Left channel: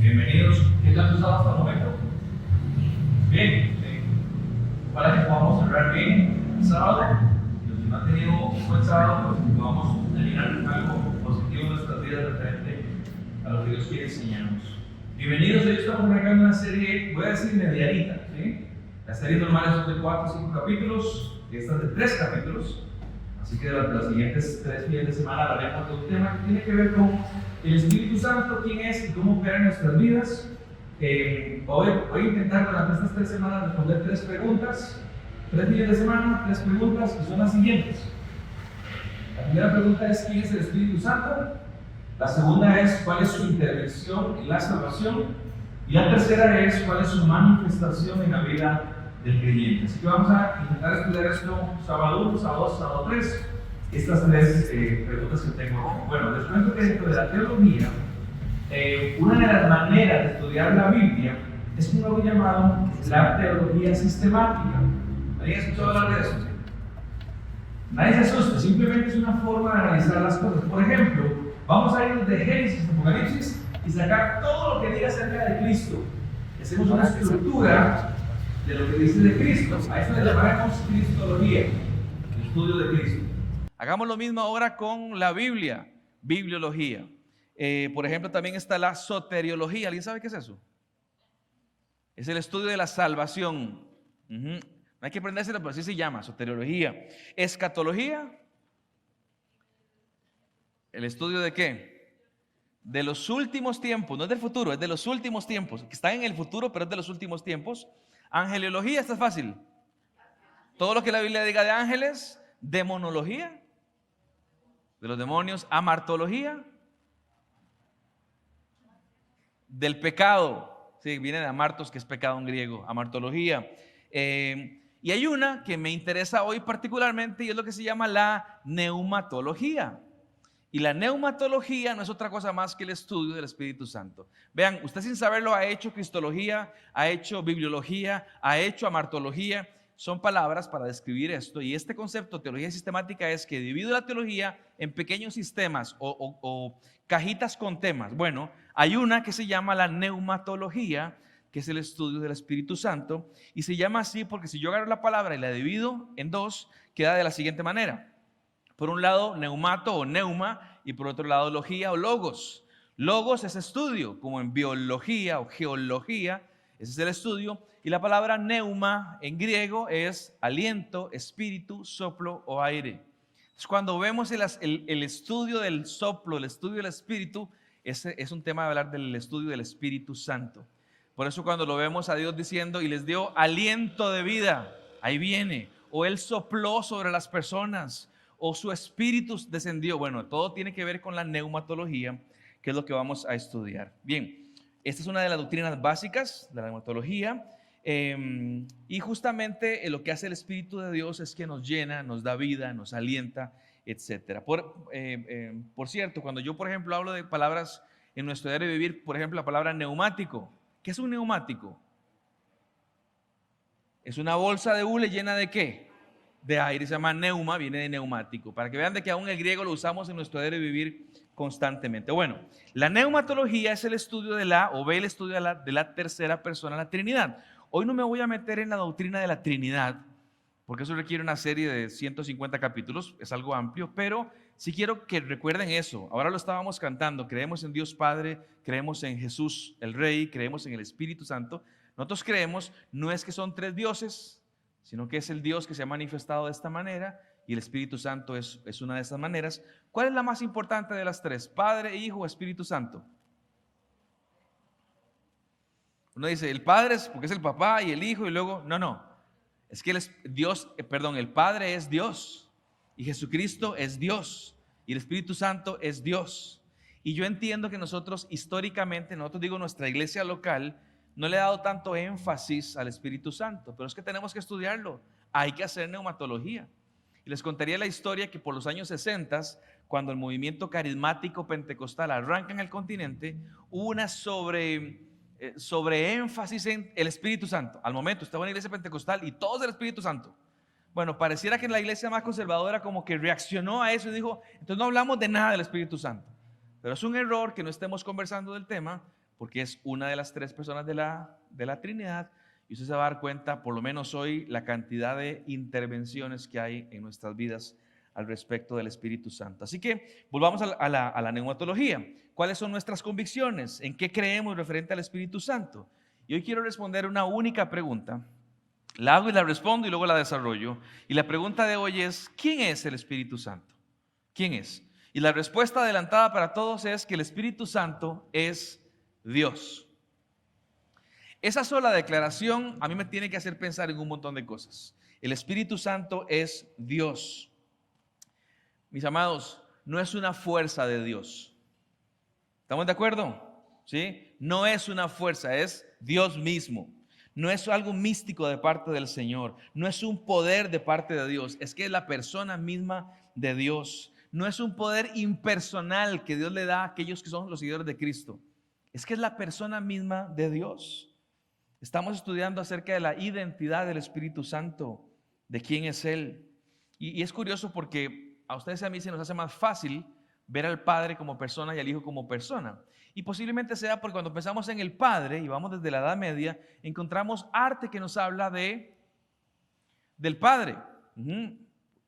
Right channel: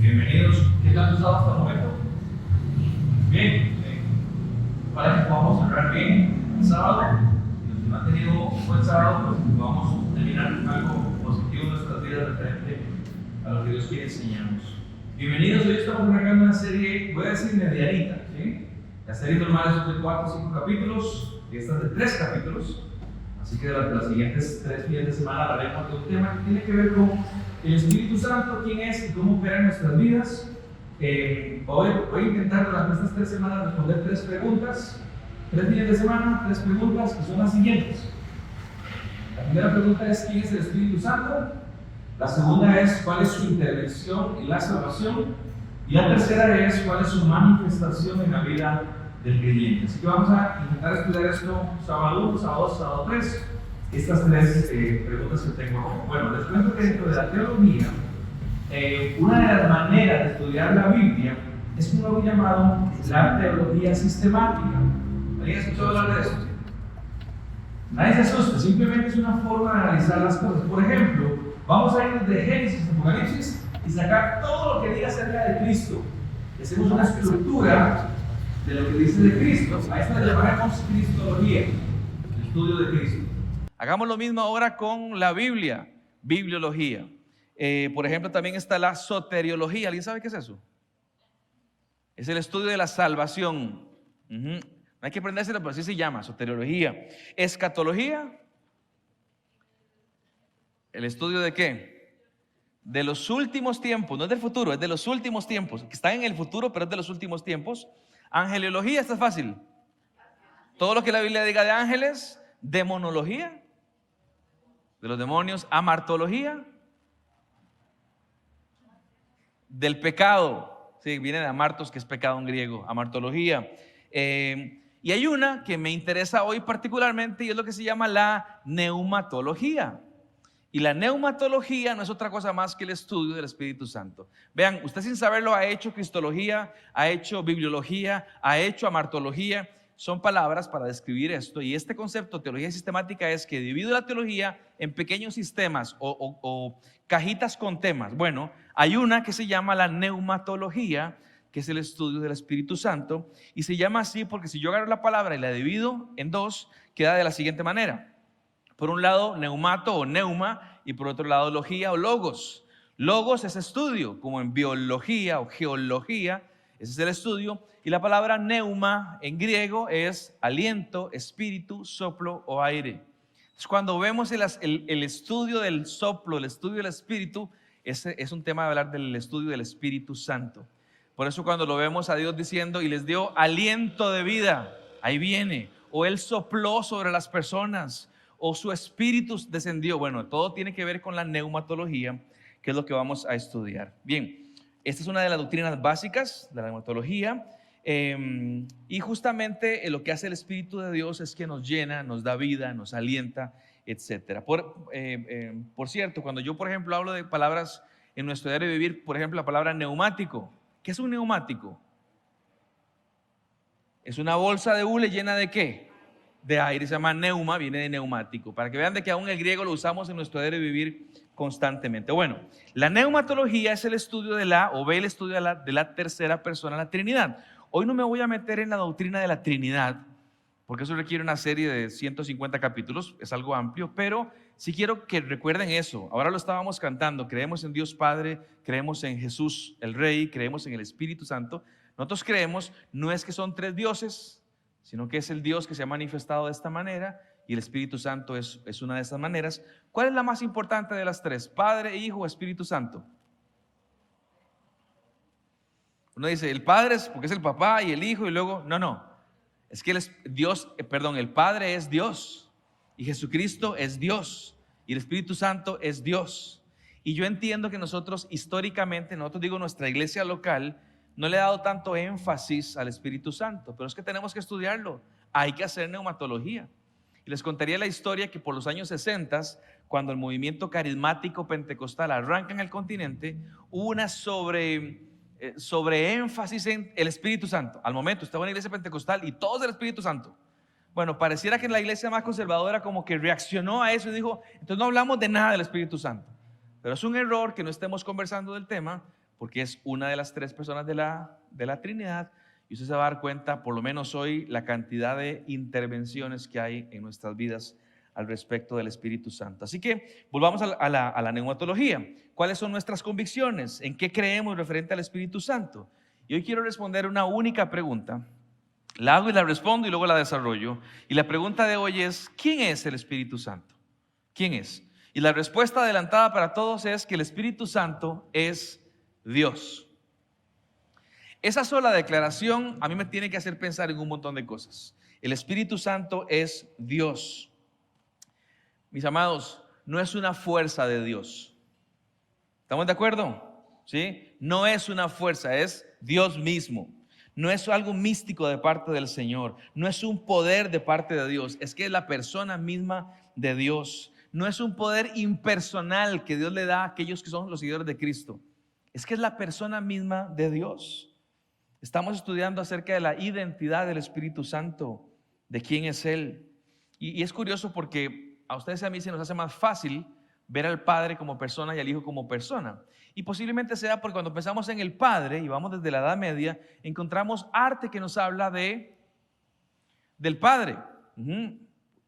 Bienvenidos. ¿Qué tal tu sábado hasta el momento? Bien. Para que podamos cerrar bien el sábado, y los que no han tenido un buen sábado, pues que podamos terminar algo positivo en nuestras vidas referente a lo que Dios quiere enseñarnos. Bienvenidos. Hoy estamos arrancando una serie, voy a decir medianita, ¿sí? La serie normal es de 4 o 5 capítulos, y esta es de 3 capítulos. Así que durante los siguientes 3 fines de semana hablaremos de un tema que tiene que ver con el Espíritu Santo, quién es y cómo opera en nuestras vidas. Voy a intentar durante estas 3 semanas responder 3 preguntas, 3 fines de semana, 3 preguntas que son las siguientes. La primera pregunta es: ¿quién es el Espíritu Santo? La segunda es: ¿cuál es su intervención en la salvación? Y la tercera es: ¿cuál es su manifestación en la vida del creyente? Así que vamos a intentar estudiar esto sábado 1, sábado 2, sábado 3. Estas 3 preguntas que tengo. Bueno, les cuento que dentro de la teología, una de las maneras de estudiar la Biblia es un algo llamado la teología sistemática. ¿Alguien escuchado hablar de eso? Nadie se asusta, simplemente es una forma de analizar las cosas. Por ejemplo, vamos a ir de Génesis a Apocalipsis y sacar todo lo que diga acerca de Cristo. Hacemos una estructura de lo que dice de Cristo. A esto le llamaremos cristología, el estudio de Cristo. Hagamos lo mismo ahora con la Biblia, bibliología. Por ejemplo, también está la soteriología. ¿Alguien sabe qué es eso? Es el estudio de la salvación. No hay que aprendérselo, pero así se llama, soteriología. Escatología. ¿El estudio de qué? De los últimos tiempos, no es del futuro, es de los últimos tiempos, que están en el futuro, pero es de los últimos tiempos. Angelología, esta es fácil. Todo lo que la Biblia diga de ángeles. Demonología, de los demonios. Amartología, del pecado. Sí, viene de amartos, que es pecado en griego. Amartología. Y hay una que me interesa hoy particularmente, y es lo que se llama la neumatología. Y la neumatología no es otra cosa más que el estudio del Espíritu Santo. Vean, usted sin saberlo ha hecho cristología, ha hecho bibliología, ha hecho amartología. Son palabras para describir esto. Y este concepto, teología sistemática, es que divido la teología en pequeños sistemas o cajitas con temas. Bueno, hay una que se llama la neumatología, que es el estudio del Espíritu Santo. Y se llama así porque si yo agarro la palabra y la divido en 2, queda de la siguiente manera. Por un lado, neumato o neuma, y por otro lado, logía o logos. Logos es estudio, como en biología o geología. Ese es el estudio. Y la palabra neuma en griego es aliento, espíritu, soplo o aire. Entonces, cuando vemos el estudio del soplo, el estudio del espíritu, es un tema de hablar del estudio del Espíritu Santo. Por eso cuando lo vemos a Dios diciendo: y les dio aliento de vida, ahí viene. O Él sopló sobre las personas, o su espíritu descendió. Bueno, todo tiene que ver con la neumatología, que es lo que vamos a estudiar. Bien, esta es una de las doctrinas básicas de la neumatología. Y justamente lo que hace el Espíritu de Dios es que nos llena, nos da vida, nos alienta, etc. Por cierto, cuando yo, por ejemplo, hablo de palabras en nuestro diario de vivir, por ejemplo, la palabra neumático. ¿Qué es un neumático? Es una bolsa de hule llena de ¿qué? De aire. Se llama neuma, viene de neumático. Para que vean de que aún el griego lo usamos en nuestro diario de vivir constantemente. Bueno, la neumatología es el estudio de el estudio de la tercera persona, la Trinidad. Hoy no me voy a meter en la doctrina de la Trinidad, porque eso requiere una serie de 150 capítulos, es algo amplio, pero sí quiero que recuerden eso. Ahora lo estábamos cantando: creemos en Dios Padre, creemos en Jesús el Rey, creemos en el Espíritu Santo, Nosotros creemos no es que son tres dioses, sino que es el Dios que se ha manifestado de esta manera y el Espíritu Santo es una de esas maneras. ¿Cuál es la más importante de las tres? ¿Padre, Hijo o Espíritu Santo? Uno dice, el Padre es porque es el papá y el Hijo y luego, no. Es que el Padre es Dios y Jesucristo es Dios y el Espíritu Santo es Dios. Y yo entiendo que nosotros históricamente, nuestra iglesia local, no le ha dado tanto énfasis al Espíritu Santo, pero es que tenemos que estudiarlo. Hay que hacer neumatología. Y les contaría la historia que por los años 60, cuando el movimiento carismático pentecostal arranca en el continente, hubo una sobreénfasis en el Espíritu Santo. Al momento estaba en la iglesia pentecostal y todo el Espíritu Santo. Bueno, pareciera que la iglesia más conservadora como que reaccionó a eso y dijo, entonces no hablamos de nada del Espíritu Santo. Pero es un error que no estemos conversando del tema, porque es una de las tres personas de la Trinidad, y usted se va a dar cuenta, por lo menos hoy, la cantidad de intervenciones que hay en nuestras vidas al respecto del Espíritu Santo. Así que volvamos a la neumatología. ¿Cuáles son nuestras convicciones? ¿En qué creemos referente al Espíritu Santo? Y hoy quiero responder una única pregunta. La hago y la respondo y luego la desarrollo. Y la pregunta de hoy es, ¿quién es el Espíritu Santo? ¿Quién es? Y la respuesta adelantada para todos es que el Espíritu Santo es Dios. Esa sola declaración a mí me tiene que hacer pensar en un montón de cosas. El Espíritu Santo es Dios. Mis amados, no es una fuerza de Dios. ¿Estamos de acuerdo? ¿Sí? No es una fuerza, es Dios mismo. No es algo místico de parte del Señor. No es un poder de parte de Dios. Es que es la persona misma de Dios. No es un poder impersonal que Dios le da a aquellos que son los seguidores de Cristo. Es que es la persona misma de Dios. Estamos estudiando acerca de la identidad del Espíritu Santo, de quién es Él. Y es curioso porque a ustedes y a mí se nos hace más fácil ver al Padre como persona y al Hijo como persona. Y posiblemente sea porque cuando pensamos en el Padre, y vamos desde la Edad Media, encontramos arte que nos habla del Padre.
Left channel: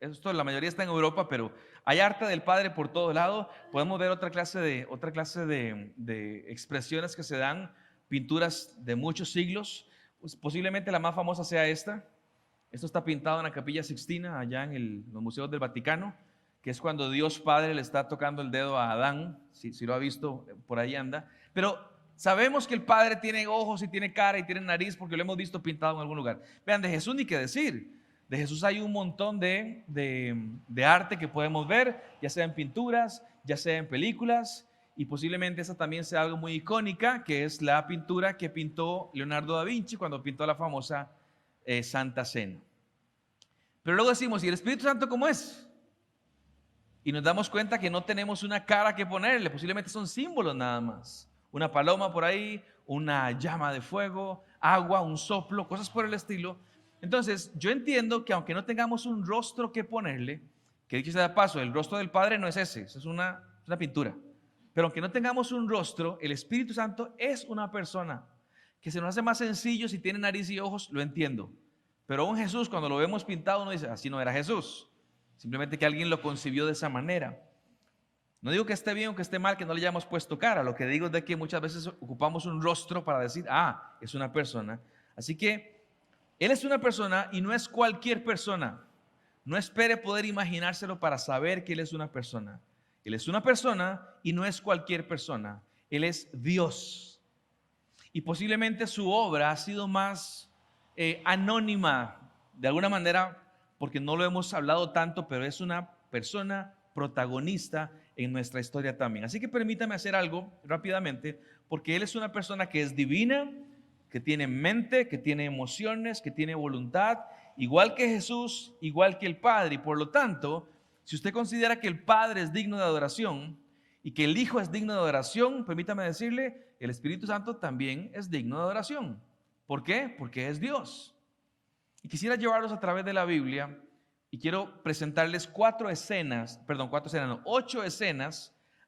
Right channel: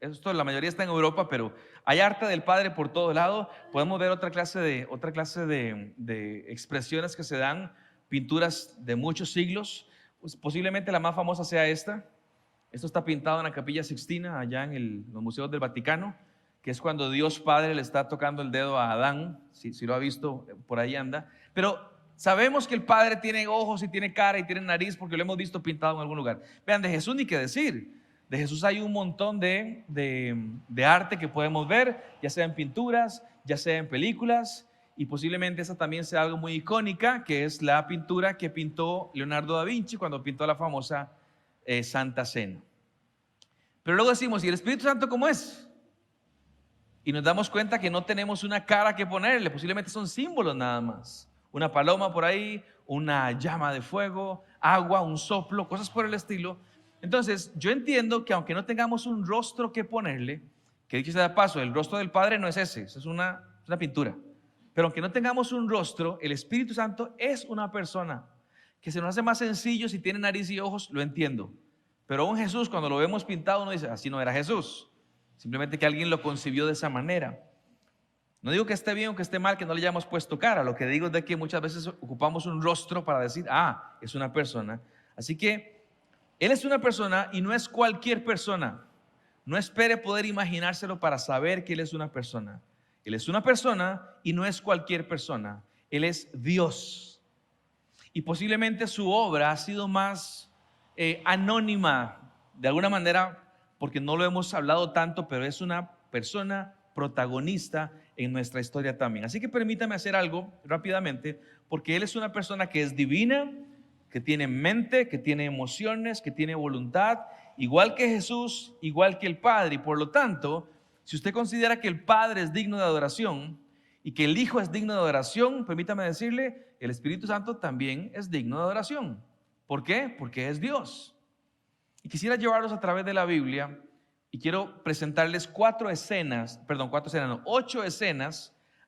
Esto la mayoría está en Europa, pero hay arte del Padre por todo lado. Podemos ver otra clase de expresiones que se dan, pinturas de muchos siglos. Pues posiblemente la más famosa sea esta. Esto está pintado en la Capilla Sixtina, allá en los museos del Vaticano, que es cuando Dios Padre le está tocando el dedo a Adán. Si lo ha visto, por ahí anda. Pero sabemos que el Padre tiene ojos y tiene cara y tiene nariz porque lo hemos visto pintado en algún lugar. Vean, de Jesús ni qué decir. De Jesús hay un montón de arte que podemos ver, ya sea en pinturas, ya sea en películas, y posiblemente esa también sea algo muy icónica, que es la pintura que pintó Leonardo da Vinci cuando pintó la famosa Santa Cena. Pero luego decimos, ¿y el Espíritu Santo cómo es? Y nos damos cuenta que no tenemos una cara que ponerle, posiblemente son símbolos nada más. Una paloma por ahí, una llama de fuego, agua, un soplo, cosas por el estilo. Entonces, yo entiendo que aunque no tengamos un rostro que ponerle, que dicho sea de paso, el rostro del Padre no es ese, es una pintura. Pero aunque no tengamos un rostro, el Espíritu Santo es una persona. Que se nos hace más sencillo si tiene nariz y ojos, lo entiendo. Pero un Jesús, cuando lo vemos pintado, uno dice, así no era Jesús. Simplemente que alguien lo concibió de esa manera. No digo que esté bien o que esté mal, que no le hayamos puesto cara. Lo que digo es de que muchas veces ocupamos un rostro para decir, es una persona. Así que Él es una persona y no es cualquier persona. No espere poder imaginárselo para saber que Él es una persona. Él es una persona y no es cualquier persona. Él es Dios. Y posiblemente su obra ha sido más anónima, de alguna manera, porque no lo hemos hablado tanto, pero es una persona protagonista en nuestra historia también. Así que permítame hacer algo rápidamente, porque Él es una persona que es divina, que tiene mente, que tiene emociones, que tiene voluntad, igual que Jesús, igual que el Padre. Y por lo tanto, si usted considera que el Padre es digno de adoración y que el Hijo es digno de adoración, permítame decirle, el Espíritu Santo también es digno de adoración. ¿Por qué? Porque es Dios. Y quisiera llevarlos a través de la Biblia y quiero presentarles 8 escenas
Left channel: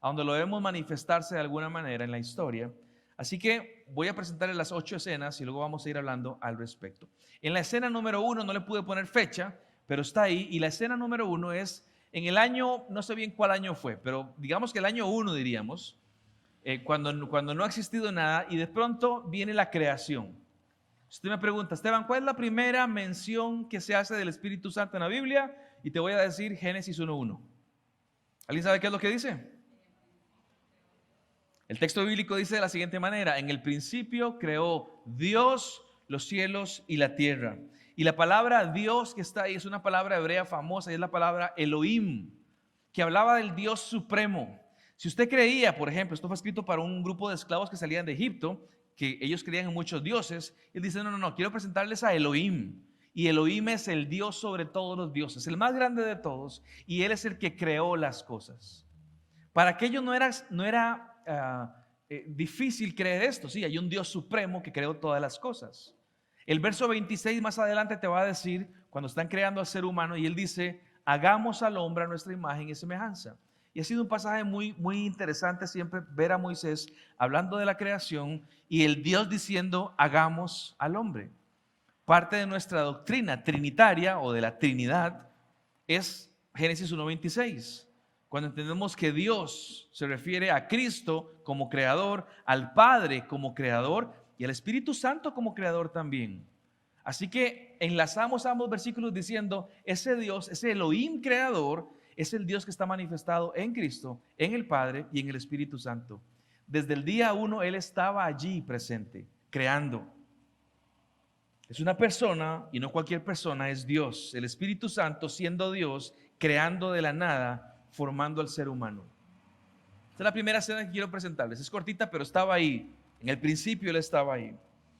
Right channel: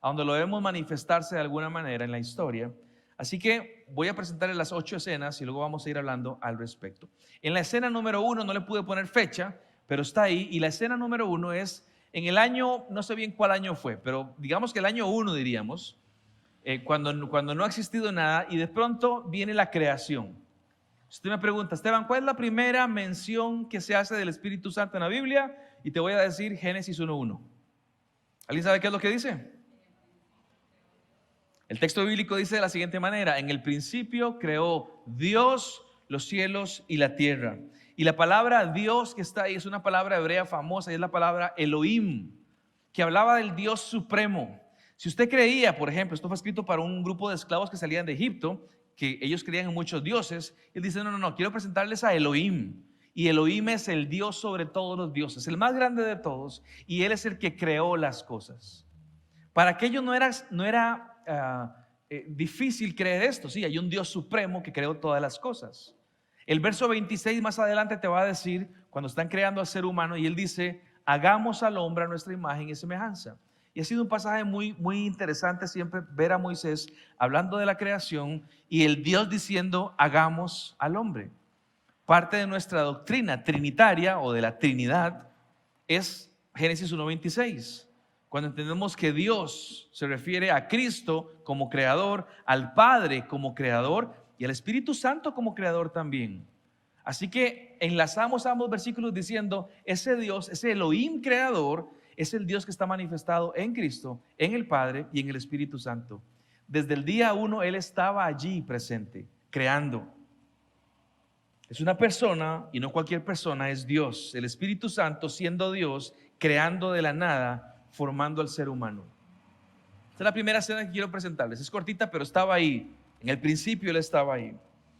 a donde lo vemos manifestarse de alguna manera en la historia. Así que voy a presentarles las 8 escenas y luego vamos a ir hablando al respecto. En la escena número 1 no le pude poner fecha, pero está ahí. Y la escena número 1 es en el año, no sé bien cuál año fue, pero digamos que el año 1 diríamos, cuando no ha existido nada y de pronto viene la creación. Usted me pregunta, Esteban, ¿cuál es la primera mención que se hace del Espíritu Santo en la Biblia? Y te voy a decir Génesis 1:1. ¿Alguien sabe qué es lo que dice? El texto bíblico dice de la siguiente manera: en el principio creó Dios los cielos y la tierra. Y la palabra Dios que está ahí es una palabra hebrea famosa, y es la palabra Elohim, que hablaba del Dios supremo. Si usted creía, por ejemplo, esto fue escrito para un grupo de esclavos que salían de Egipto, que ellos creían en muchos dioses, él dice, no, quiero presentarles a Elohim. Y Elohim es el Dios sobre todos los dioses, el más grande de todos, y Él es el que creó las cosas. Para aquellos no era difícil creer esto. Sí, hay un Dios supremo que creó todas las cosas. El verso 26 más adelante te va a decir, cuando están creando al ser humano, y Él dice, hagamos al hombre a nuestra imagen y semejanza. Y ha sido un pasaje muy, muy interesante siempre ver a Moisés hablando de la creación y el Dios diciendo, hagamos al hombre. Parte de nuestra doctrina trinitaria o de la Trinidad es Génesis 1:26. Cuando entendemos que Dios se refiere a Cristo como creador, al Padre como creador y al Espíritu Santo como creador también. Así que enlazamos ambos versículos diciendo, ese Dios, ese Elohim creador, es el Dios que está manifestado en Cristo, en el Padre y en el Espíritu Santo. Desde el día 1 Él estaba allí presente, creando. Es una persona y no cualquier persona, es Dios. El Espíritu Santo siendo Dios, creando de la nada, formando al ser humano. Esta es la primera escena que quiero presentarles. Es cortita, pero estaba ahí. En el principio Él estaba ahí.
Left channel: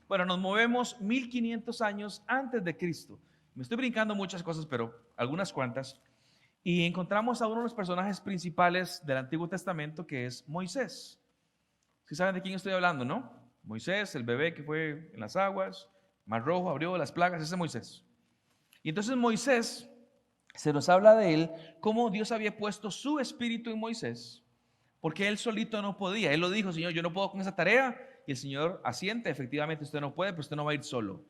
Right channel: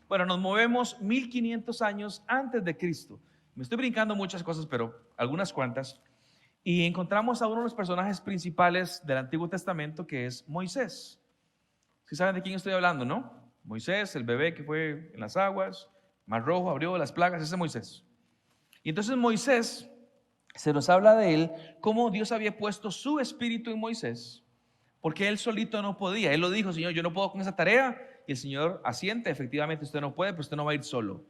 Bueno, nos movemos 1500 años antes de Cristo. Me estoy brincando muchas cosas, pero algunas cuantas. Y encontramos a uno de los personajes principales del Antiguo Testamento, que es Moisés. ¿Sí saben de quién estoy hablando, no? Moisés, el bebé que fue en las aguas, Mar Rojo, abrió las plagas, ese es Moisés. Y entonces Moisés, se nos habla de él, cómo Dios había puesto su espíritu en Moisés, porque él solito no podía. Él lo dijo, Señor, yo no puedo con esa tarea. Y el Señor asiente, efectivamente usted no puede, pero usted no va a ir solo.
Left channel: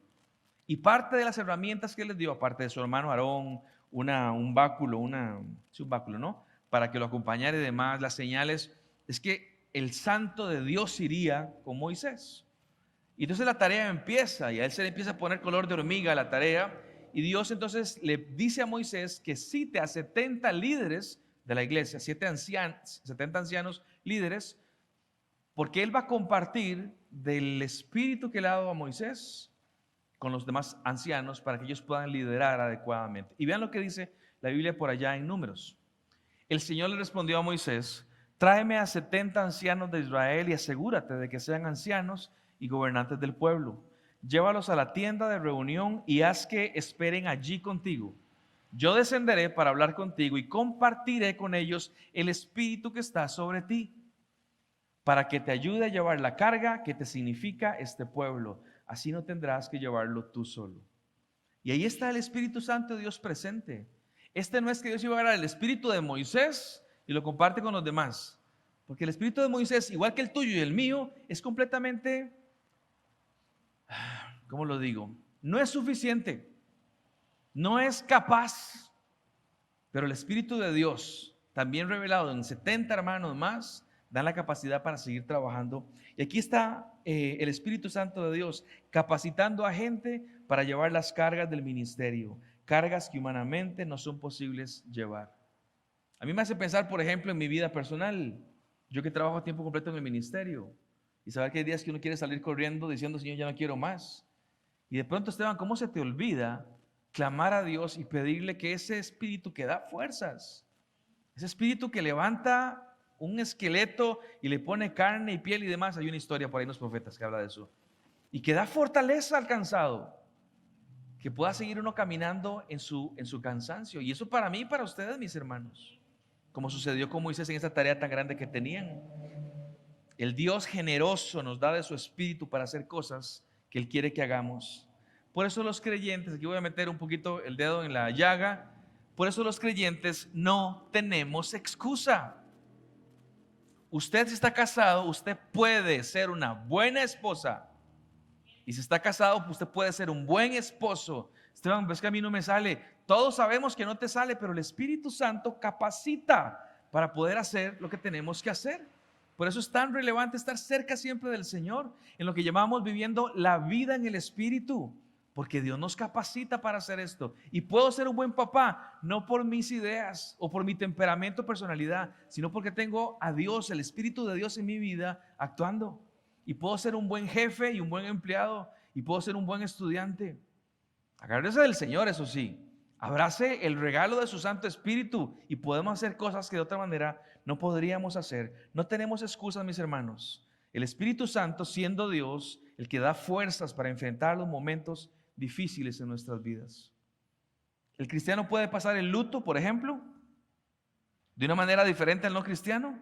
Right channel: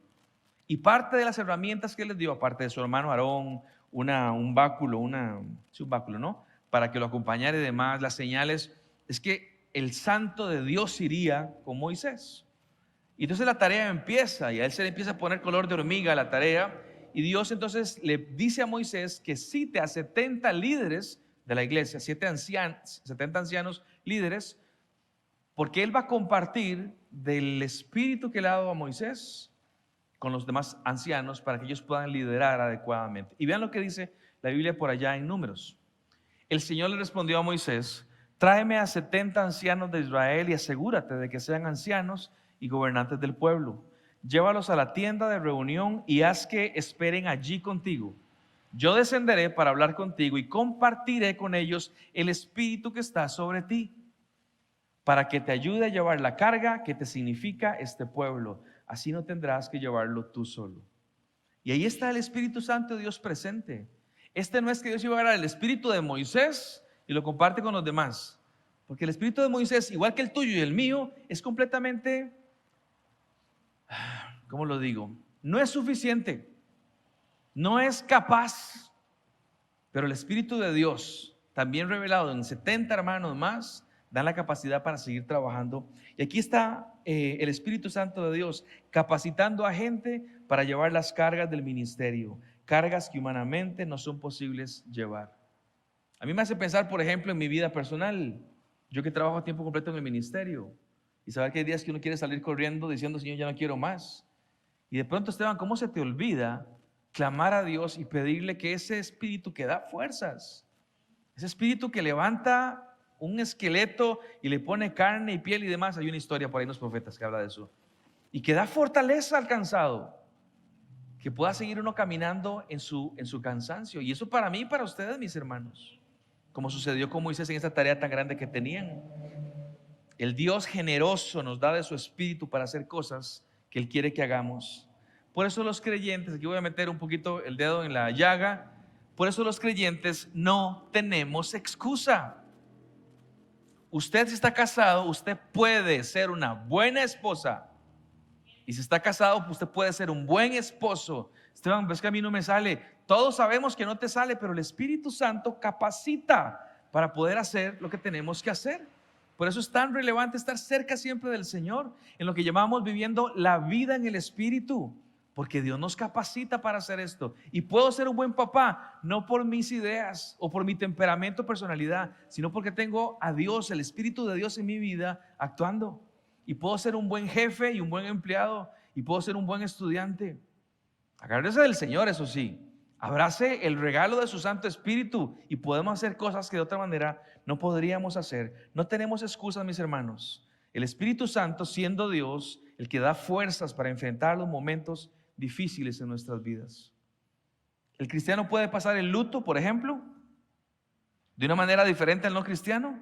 Y parte de las herramientas que él les dio, aparte de su hermano Aarón, un báculo, ¿no? Para que lo acompañara y demás, las señales, es que el santo de Dios iría con Moisés. Y entonces la tarea empieza, y a él se le empieza a poner color de hormiga a la tarea, y Dios entonces le dice a Moisés que cite a 70 líderes de la iglesia, 70 ancianos líderes, porque él va a compartir del espíritu que le ha dado a Moisés con los demás ancianos para que ellos puedan liderar adecuadamente. Y vean lo que dice la Biblia por allá en Números. El Señor le respondió a Moisés, tráeme a 70 ancianos de Israel y asegúrate de que sean ancianos y gobernantes del pueblo. Llévalos a la tienda de reunión y haz que esperen allí contigo. Yo descenderé para hablar contigo y compartiré con ellos el espíritu que está sobre ti, para que te ayude a llevar la carga que te significa este pueblo. Así no tendrás que llevarlo tú solo. Y ahí está el Espíritu Santo de Dios presente. Este no es que Dios iba a agarrar el espíritu de Moisés y lo comparte con los demás, porque el espíritu de Moisés, igual que el tuyo y el mío, es completamente, ¿cómo lo digo? No es suficiente, no es capaz, pero el Espíritu de Dios, también revelado en 70 hermanos más, dan la capacidad para seguir trabajando. Y aquí está el Espíritu Santo de Dios capacitando a gente para llevar las cargas del ministerio, cargas que humanamente no son posibles llevar. A mí me hace pensar, por ejemplo, en mi vida personal. Yo que trabajo a tiempo completo en el ministerio y saber que hay días que uno quiere salir corriendo diciendo, Señor, ya no quiero más. Y de pronto, Esteban, ¿cómo se te olvida clamar a Dios y pedirle que ese espíritu que da fuerzas, ese espíritu que levanta un esqueleto y le pone carne y piel y demás? Hay una historia por ahí en los profetas que habla de eso. Y que da fortaleza al cansado, que pueda seguir uno caminando en su cansancio. Y eso para mí y para ustedes, mis hermanos, como sucedió con Moisés en esta tarea tan grande que tenían. El Dios generoso nos da de su espíritu para hacer cosas que Él quiere que hagamos. Por eso los creyentes, aquí voy a meter un poquito el dedo en la llaga, por eso los creyentes no tenemos excusa. Usted, si está casado, usted puede ser una buena esposa. Y si está casado, usted puede ser un buen esposo. Esteban, ves que a mí no me sale. Todos sabemos que no te sale, pero el Espíritu Santo capacita para poder hacer lo que tenemos que hacer. Por eso es tan relevante estar cerca siempre del Señor, en lo que llamamos viviendo la vida en el Espíritu, porque Dios nos capacita para hacer esto. Y puedo ser un buen papá, no por mis ideas o por mi temperamento o personalidad, sino porque tengo a Dios, el Espíritu de Dios en mi vida actuando. Y puedo ser un buen jefe y un buen empleado, y puedo ser un buen estudiante. Agárrese del Señor, eso sí. Abrace el regalo de su Santo Espíritu y podemos hacer cosas que de otra manera no podríamos hacer. No tenemos excusas, mis hermanos. El Espíritu Santo, siendo Dios, el que da fuerzas para enfrentar los momentos difíciles en nuestras vidas. El cristiano puede pasar el luto, por ejemplo, de una manera diferente al no cristiano.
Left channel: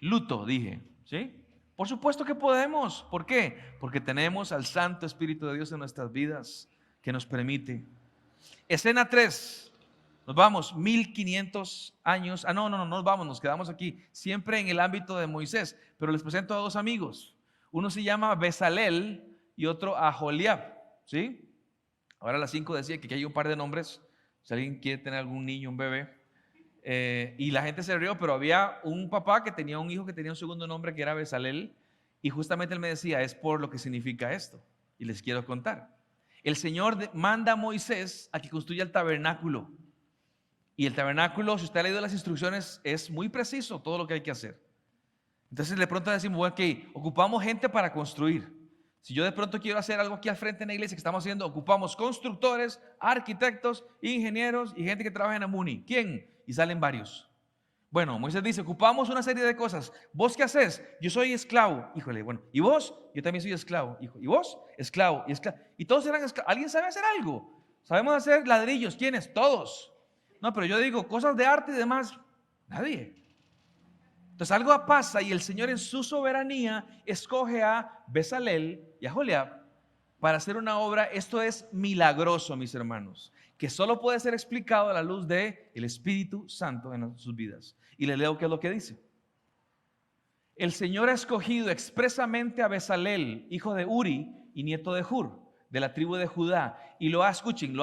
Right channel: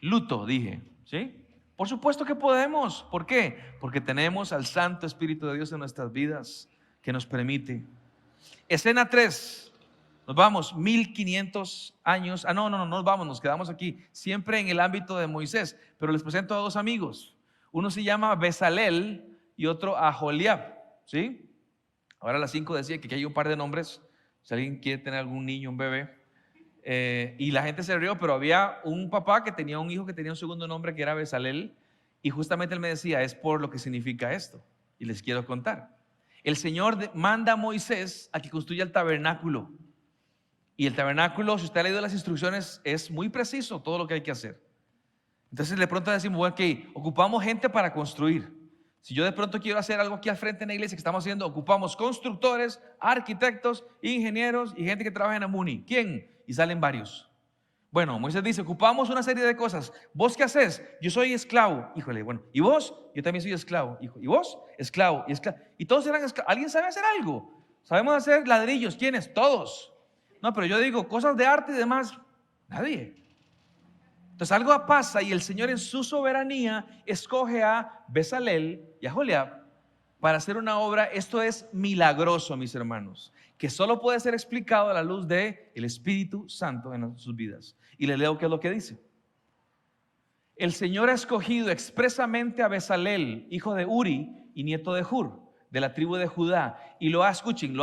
Luto, dije, ¿sí? Por supuesto que podemos. ¿Por qué? Porque tenemos al Santo Espíritu de Dios en nuestras vidas que nos permite. Escena 3. Nos vamos 1500 años. No nos vamos, nos quedamos aquí. Siempre en el ámbito de Moisés. Pero les presento a dos amigos. Uno se llama Bezalel y otro Aholiab. ¿Sí? Ahora a las 5 decía que aquí hay un par de nombres. Si alguien quiere tener algún niño, un bebé. Y la gente se rió, pero había un papá que tenía un hijo que tenía un segundo nombre que era Bezalel. Y justamente él me decía, es por lo que significa esto. Y les quiero contar. El Señor manda a Moisés a que construya el tabernáculo. Y el tabernáculo, si usted ha leído las instrucciones, es muy preciso todo lo que hay que hacer. Entonces de pronto decimos, bueno, ok, ocupamos gente para construir. Si yo de pronto quiero hacer algo aquí al frente en la iglesia que estamos haciendo, ocupamos constructores, arquitectos, ingenieros y gente que trabaja en Amuni. ¿Quién? Y salen varios. Bueno, Moisés dice, ocupamos una serie de cosas. ¿Vos qué haces? Yo soy esclavo. Híjole, bueno. ¿Y vos? Yo también soy esclavo. Hijo. ¿Y vos? Esclavo. Y esclavo. Y todos eran esclavos. ¿Alguien sabe hacer algo? ¿Sabemos hacer ladrillos? ¿Quiénes? Todos. No, pero yo digo, cosas de arte y demás, nadie. Entonces algo pasa y el Señor en su soberanía escoge a Bezalel y a Aholiab para hacer una obra. Esto es milagroso, mis hermanos, que solo puede ser explicado a la luz del Espíritu Santo en sus vidas. Y le leo qué es lo que dice. El Señor ha escogido expresamente a Bezalel, hijo de Uri y nieto de Hur, de la tribu de Judá, y lo ha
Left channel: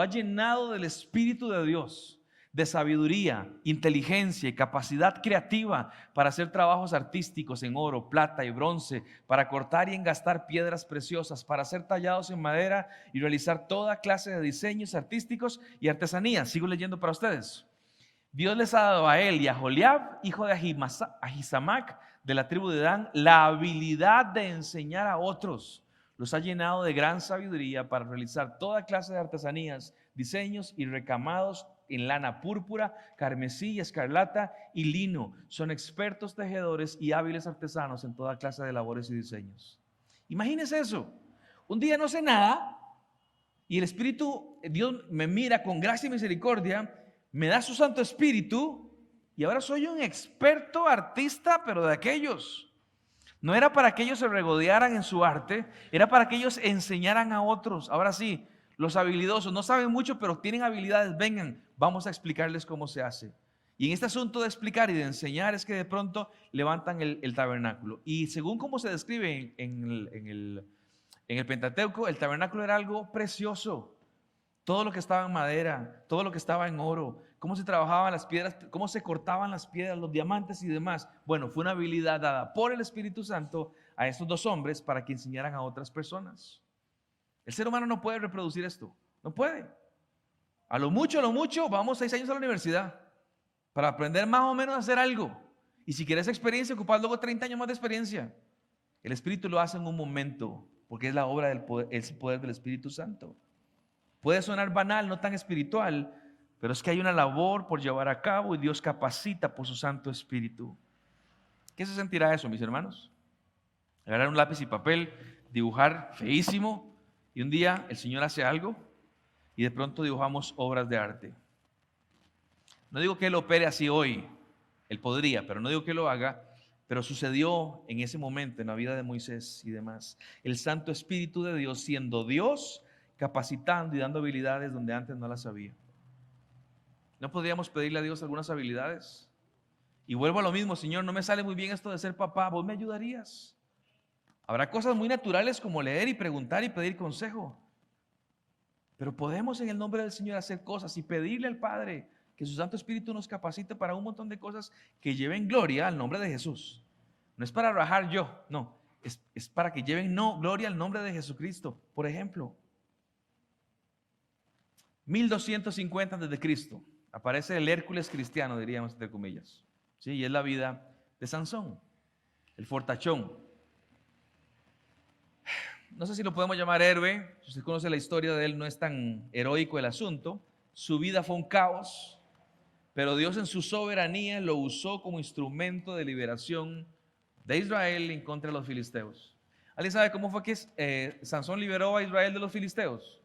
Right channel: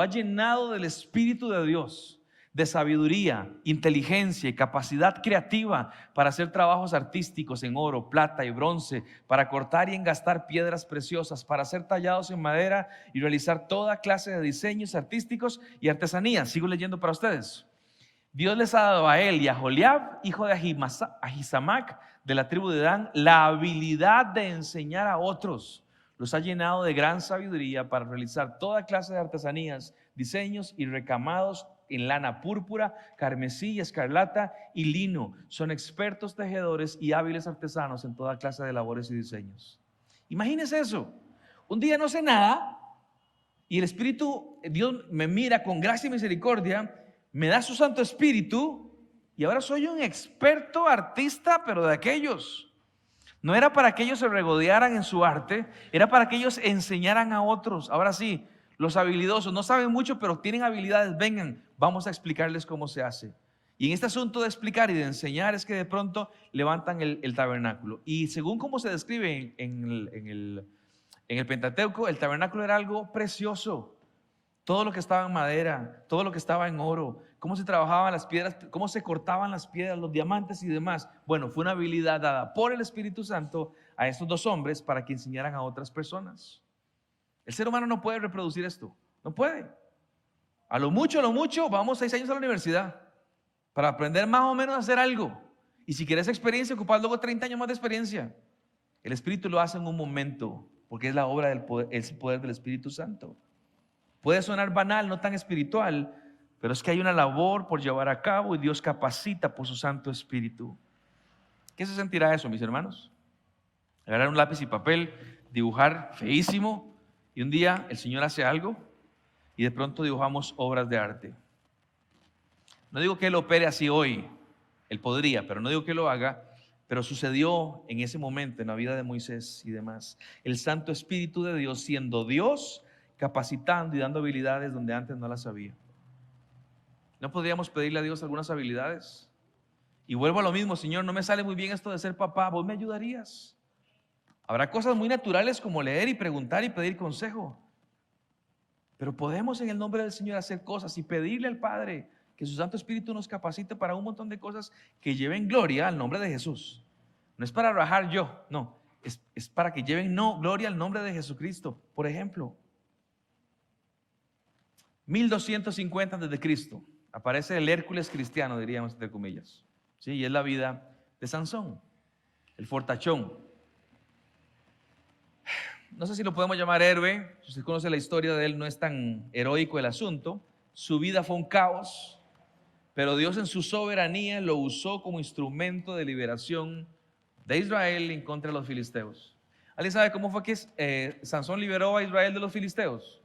llenado del Espíritu de Dios, de sabiduría, inteligencia y capacidad creativa para hacer trabajos artísticos en oro, plata y bronce, para cortar y engastar piedras preciosas, para ser tallados en madera y realizar toda clase de diseños artísticos y artesanías. Sigo leyendo para ustedes. Dios les ha dado a él y a Aholiab, hijo de Ahisamac, de la tribu de Dan, la habilidad de enseñar a otros. Los ha llenado de gran sabiduría para realizar toda clase de artesanías, diseños y recamados en lana púrpura, carmesí, escarlata y lino. Son expertos tejedores y hábiles artesanos en toda clase de labores y diseños. Imagínense eso. Un día no sé nada y el Espíritu, Dios me mira con gracia y misericordia, me da su Santo Espíritu y ahora soy un experto artista, pero de aquellos. No era para que ellos se regodearan en su arte, era para que ellos enseñaran a otros. Ahora sí, los habilidosos no saben mucho, pero tienen habilidades. Vengan, vamos a explicarles cómo se hace. Y en este asunto de explicar y de enseñar es que de pronto levantan el tabernáculo. Y según como se describe en el Pentateuco, el tabernáculo era algo precioso. Todo lo que estaba en madera, todo lo que estaba en oro, cómo se trabajaban las piedras, cómo se cortaban las piedras, los diamantes y demás. Bueno, fue una habilidad dada por el Espíritu Santo a estos dos hombres para que enseñaran a otras personas. El ser humano no puede reproducir esto, no puede. A lo mucho, vamos 6 años a la universidad para aprender más o menos a hacer algo. Y si quieres experiencia, ocupas luego 30 años más de experiencia. El Espíritu lo hace en un momento, porque es la obra del poder, el poder del Espíritu Santo. Puede sonar banal, no tan espiritual, pero es que hay una labor por llevar a cabo y Dios capacita por su Santo Espíritu. ¿Qué se sentirá eso, mis hermanos? Agarrar un lápiz y papel, dibujar feísimo, y un día el Señor hace algo y de pronto dibujamos obras de arte. No digo que Él opere así hoy, Él podría, pero no digo que lo haga, pero sucedió en ese momento en la vida de Moisés y demás. El Santo Espíritu de Dios, siendo Dios, capacitando y dando habilidades donde antes no las había. ¿No podríamos pedirle a Dios algunas habilidades? Y vuelvo a lo mismo, Señor, no me sale muy bien esto de ser papá, ¿vos me ayudarías? Habrá cosas muy naturales como leer y preguntar y pedir consejo, pero podemos en el nombre del Señor hacer cosas y pedirle al Padre que su Santo Espíritu nos capacite para un montón de cosas que lleven gloria al nombre de Jesús. No es para rajar yo, no. Es para que lleven gloria al nombre de Jesucristo. Por ejemplo, 1250 antes de Cristo aparece el Hércules cristiano, diríamos entre comillas. ¿Sí? Y es la vida de Sansón, el fortachón. No sé si lo podemos llamar héroe. Si usted conoce la historia de él, no es tan heroico el asunto. Su vida fue un caos, pero Dios en su soberanía lo usó como instrumento de liberación de Israel en contra de los filisteos. ¿Alguien sabe cómo fue que Sansón liberó a Israel de los filisteos?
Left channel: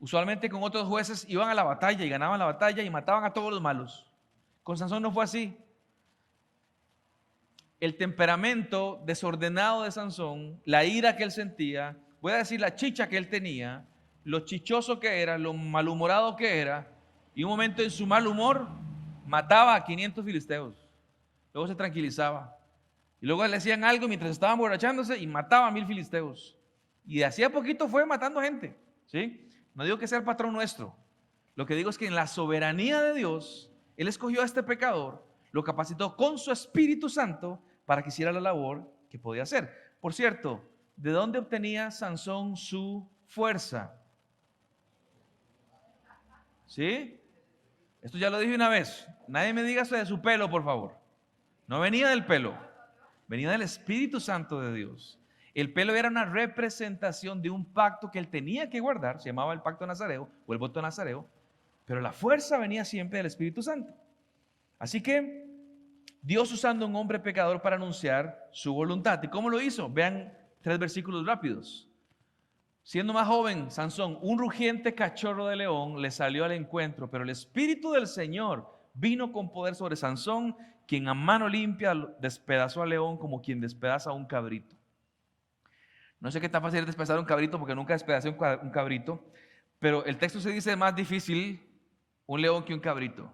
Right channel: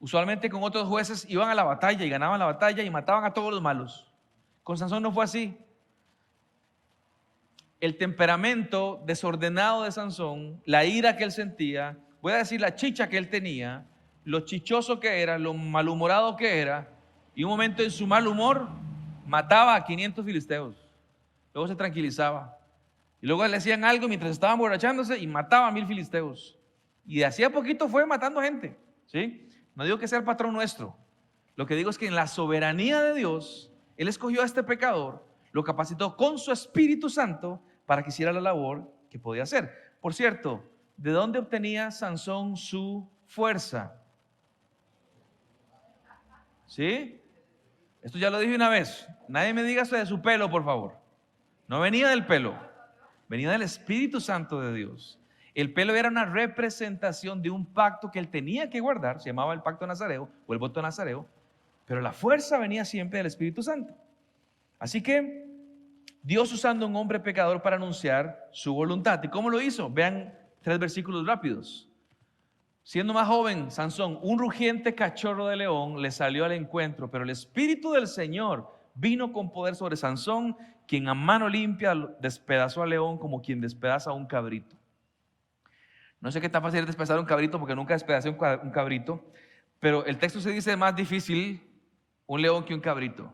Usualmente con otros jueces iban a la batalla y ganaban la batalla y mataban a todos los malos. Con Sansón no fue así. El temperamento desordenado de Sansón, la ira que él sentía, voy a decir la chicha que él tenía, lo chichoso que era, lo malhumorado que era, y un momento en su mal humor mataba a 500 filisteos. Luego se tranquilizaba. Y luego le decían algo mientras estaban emborrachándose y mataba a 1000 filisteos. Y de hacía poquito fue matando gente. ¿Sí? No digo que sea el patrón nuestro. Lo que digo es que en la soberanía de Dios, Él escogió a este pecador, lo capacitó con su Espíritu Santo para que hiciera la labor que podía hacer. Por cierto, ¿de dónde obtenía Sansón su fuerza? ¿Sí? Esto ya lo dije una vez. Nadie me diga eso de su pelo, por favor. No venía del pelo, venía del Espíritu Santo de Dios. El pelo era una representación de un pacto que él tenía que guardar, se llamaba el pacto nazareo o el voto nazareo, pero la fuerza venía siempre del Espíritu Santo. Así que Dios usando un hombre pecador para anunciar su voluntad. ¿Y cómo lo hizo? Vean 3 versículos rápidos. Siendo más joven, Sansón, un rugiente cachorro de león le salió al encuentro, pero el Espíritu del Señor vino con poder sobre Sansón, quien a mano limpia despedazó al león como quien despedaza a un cabrito. No sé qué tan fácil es despedazar un cabrito porque nunca despedacé un cabrito, pero el texto se dice más difícil un león que un cabrito.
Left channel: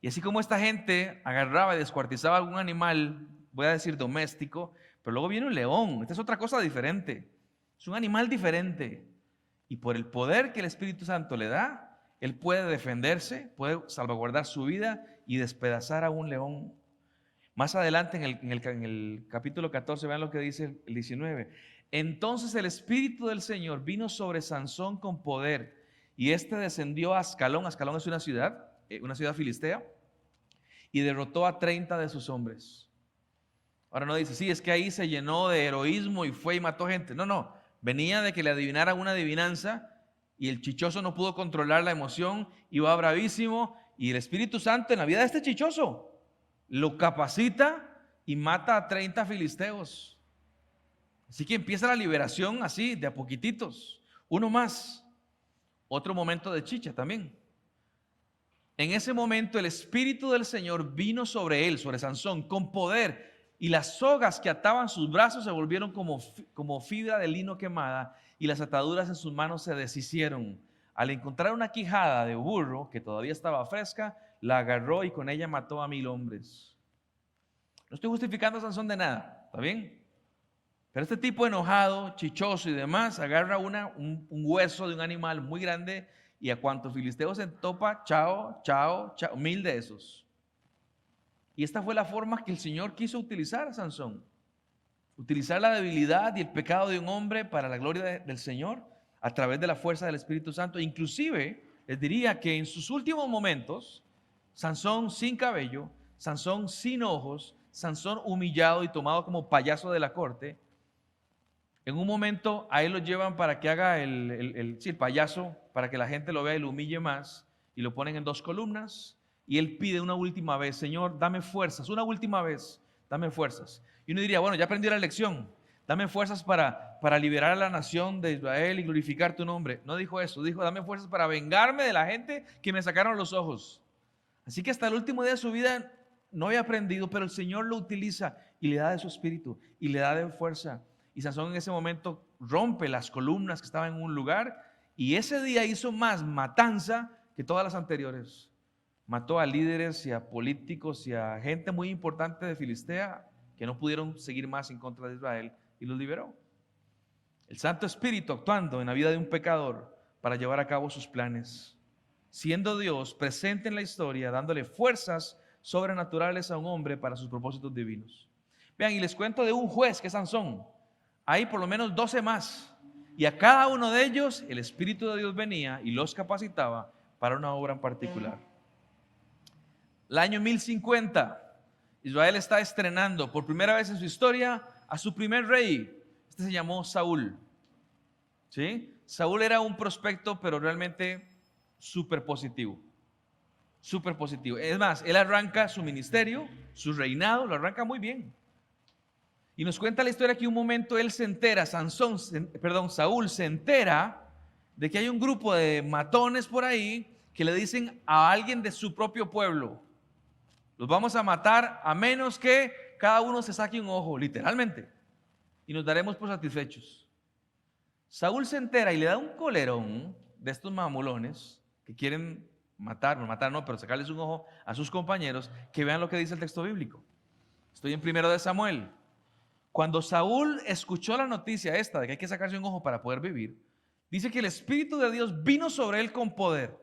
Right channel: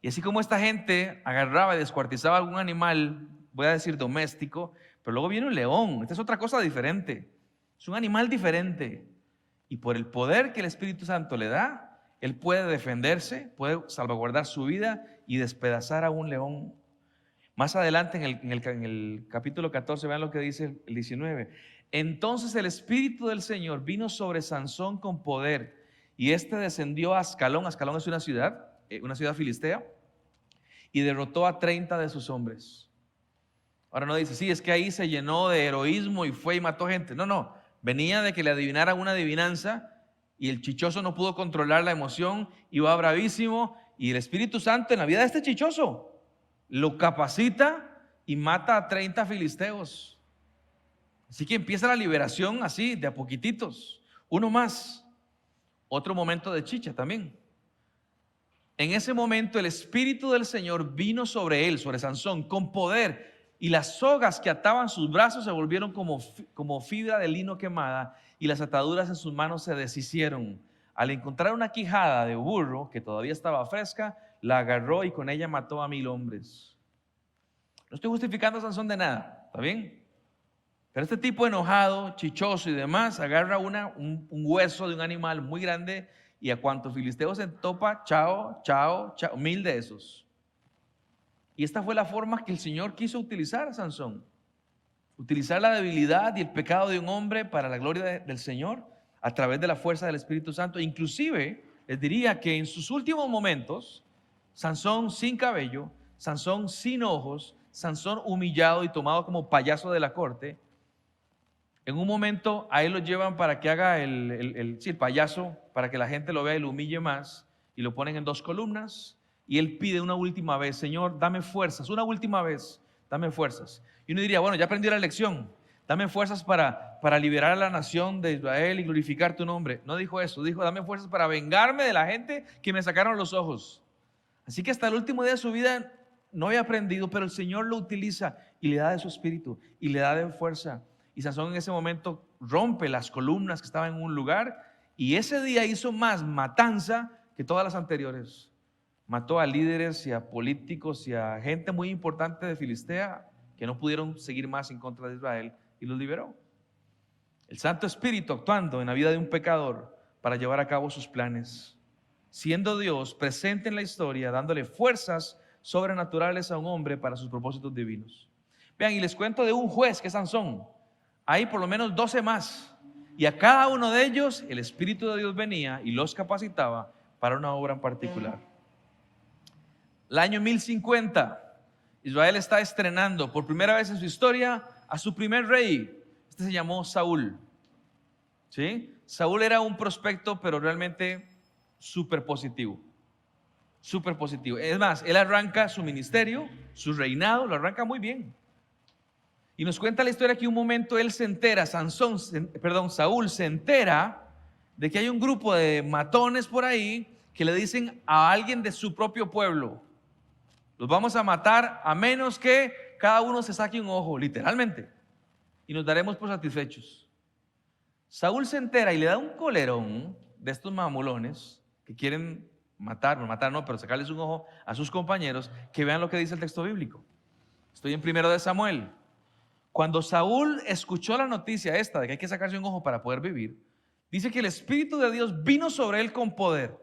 Y así como esta gente agarraba y descuartizaba algún animal, voy a decir doméstico, pero luego viene un león. Esta es otra cosa diferente. Es un animal diferente. Y por el poder que el Espíritu Santo le da, él puede defenderse, puede salvaguardar su vida y despedazar a un león. Más adelante en el capítulo 14, vean lo que dice el 19. Entonces el Espíritu del Señor vino sobre Sansón con poder y este descendió a Ascalón. Ascalón es una ciudad filistea, y derrotó a 30 de sus hombres. Ahora no dice, sí, es que ahí se llenó de heroísmo y fue y mató gente. No, venía de que le adivinaran una adivinanza y el chichoso no pudo controlar la emoción, iba bravísimo y el Espíritu Santo en la vida de este chichoso lo capacita y mata a 30 filisteos. Así que empieza la liberación así, de a poquititos. Uno más. Otro momento de chicha también. En ese momento el Espíritu del Señor vino sobre él, sobre Sansón, con poder. Y las sogas que ataban sus brazos se volvieron como fibra de lino quemada. Y las ataduras en sus manos se deshicieron. Al encontrar una quijada de burro que todavía estaba fresca, la agarró y con ella mató a 1000 hombres. No estoy justificando a Sansón de nada, ¿está bien? Pero este tipo enojado, chichoso y demás, agarra un hueso de un animal muy grande y a cuantos filisteos se topa, chao, 1000 de esos. Y esta fue la forma que el Señor quiso utilizar a Sansón. Utilizar la debilidad y el pecado de un hombre para la gloria del Señor a través de la fuerza del Espíritu Santo. Inclusive, les diría que en sus últimos momentos, Sansón sin cabello, Sansón sin ojos, Sansón humillado y tomado como payaso de la corte, en un momento a él lo llevan para que haga el payaso, para que la gente lo vea y lo humille más, y lo ponen en 2 columnas, y él pide una última vez, Señor, dame fuerzas, una última vez, dame fuerzas. Y uno diría, bueno, ya aprendí la lección, dame fuerzas para liberar a la nación de Israel y glorificar tu nombre. No dijo eso, dijo, dame fuerzas para vengarme de la gente que me sacaron los ojos. Así que hasta el último día de su vida no había aprendido, pero el Señor lo utiliza y le da de su espíritu y le da de fuerza. Y Sansón en ese momento rompe las columnas que estaban en un lugar y ese día hizo más matanza que todas las anteriores. Mató a líderes y a políticos y a gente muy importante de Filistea que no pudieron seguir más en contra de Israel y los liberó. El Santo Espíritu actuando en la vida de un pecador para llevar a cabo sus planes, siendo Dios presente en la historia, dándole fuerzas sobrenaturales a un hombre para sus propósitos divinos. Vean, y les cuento de un juez que es Sansón. Hay por lo menos 12 más. Y a cada uno de ellos el Espíritu de Dios venía y los capacitaba para una obra en particular. El año 1050, Israel está estrenando por primera vez en su historia a su primer rey. Este se llamó Saúl. ¿Sí? Saúl era un prospecto, pero realmente súper positivo. Súper positivo. Es más, él arranca su ministerio, su reinado, lo arranca muy bien. Y nos cuenta la historia que un momento él se entera, Saúl se entera de que hay un grupo de matones por ahí que le dicen a alguien de su propio pueblo: los vamos a matar a menos que cada uno se saque un ojo, literalmente, y nos daremos por satisfechos. Saúl se entera y le da un colerón de estos mamulones que quieren matar no, pero sacarles un ojo a sus compañeros. Que vean lo que dice el texto bíblico. Estoy en 1 Samuel. Cuando Saúl escuchó la noticia esta de que hay que sacarse un ojo para poder vivir, dice que el Espíritu de Dios vino sobre él con poder.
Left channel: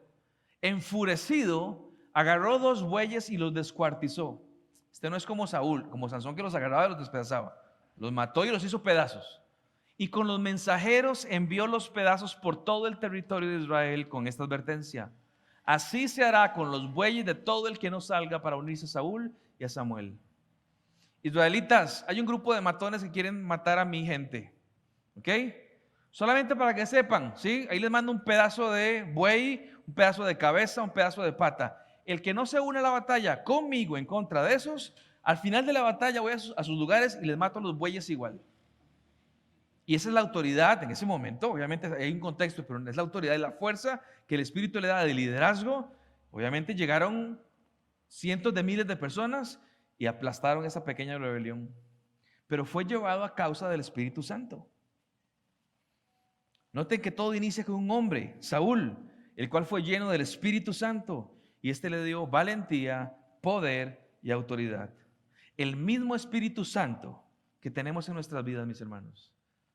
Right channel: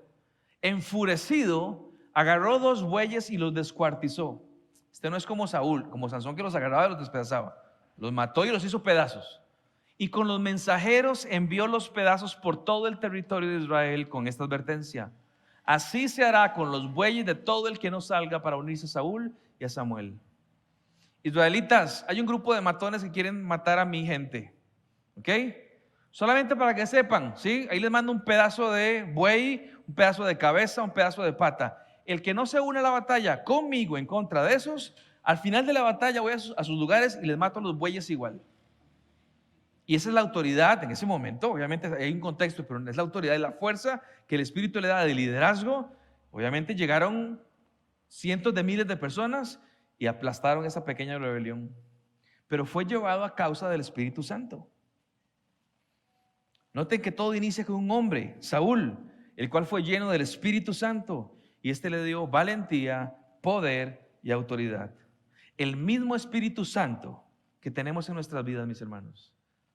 Enfurecido, agarró 2 bueyes y los descuartizó. Este no es como Saúl, como Sansón, que los agarraba y los despedazaba. Los mató y los hizo pedazos. Y con los mensajeros envió los pedazos por todo el territorio de Israel con esta advertencia: así se hará con los bueyes de todo el que no salga para unirse a Saúl y a Samuel. Israelitas, hay un grupo de matones que quieren matar a mi gente, ¿ok? Solamente para que sepan, ¿sí? Ahí les mando un pedazo de buey, un pedazo de cabeza, un pedazo de pata. El que no se une a la batalla conmigo en contra de esos, al final de la batalla voy a sus lugares y les mato a los bueyes igual. Y esa es la autoridad en ese momento. Obviamente hay un contexto, pero es la autoridad y la fuerza que el Espíritu le da de liderazgo. Obviamente llegaron cientos de miles de personas y aplastaron esa pequeña rebelión, pero fue llevado a causa del Espíritu Santo. Noten que todo inicia con un hombre, Saúl, el cual fue lleno del Espíritu Santo, y este le dio valentía, poder y autoridad. El mismo Espíritu Santo que tenemos en nuestras vidas, mis hermanos,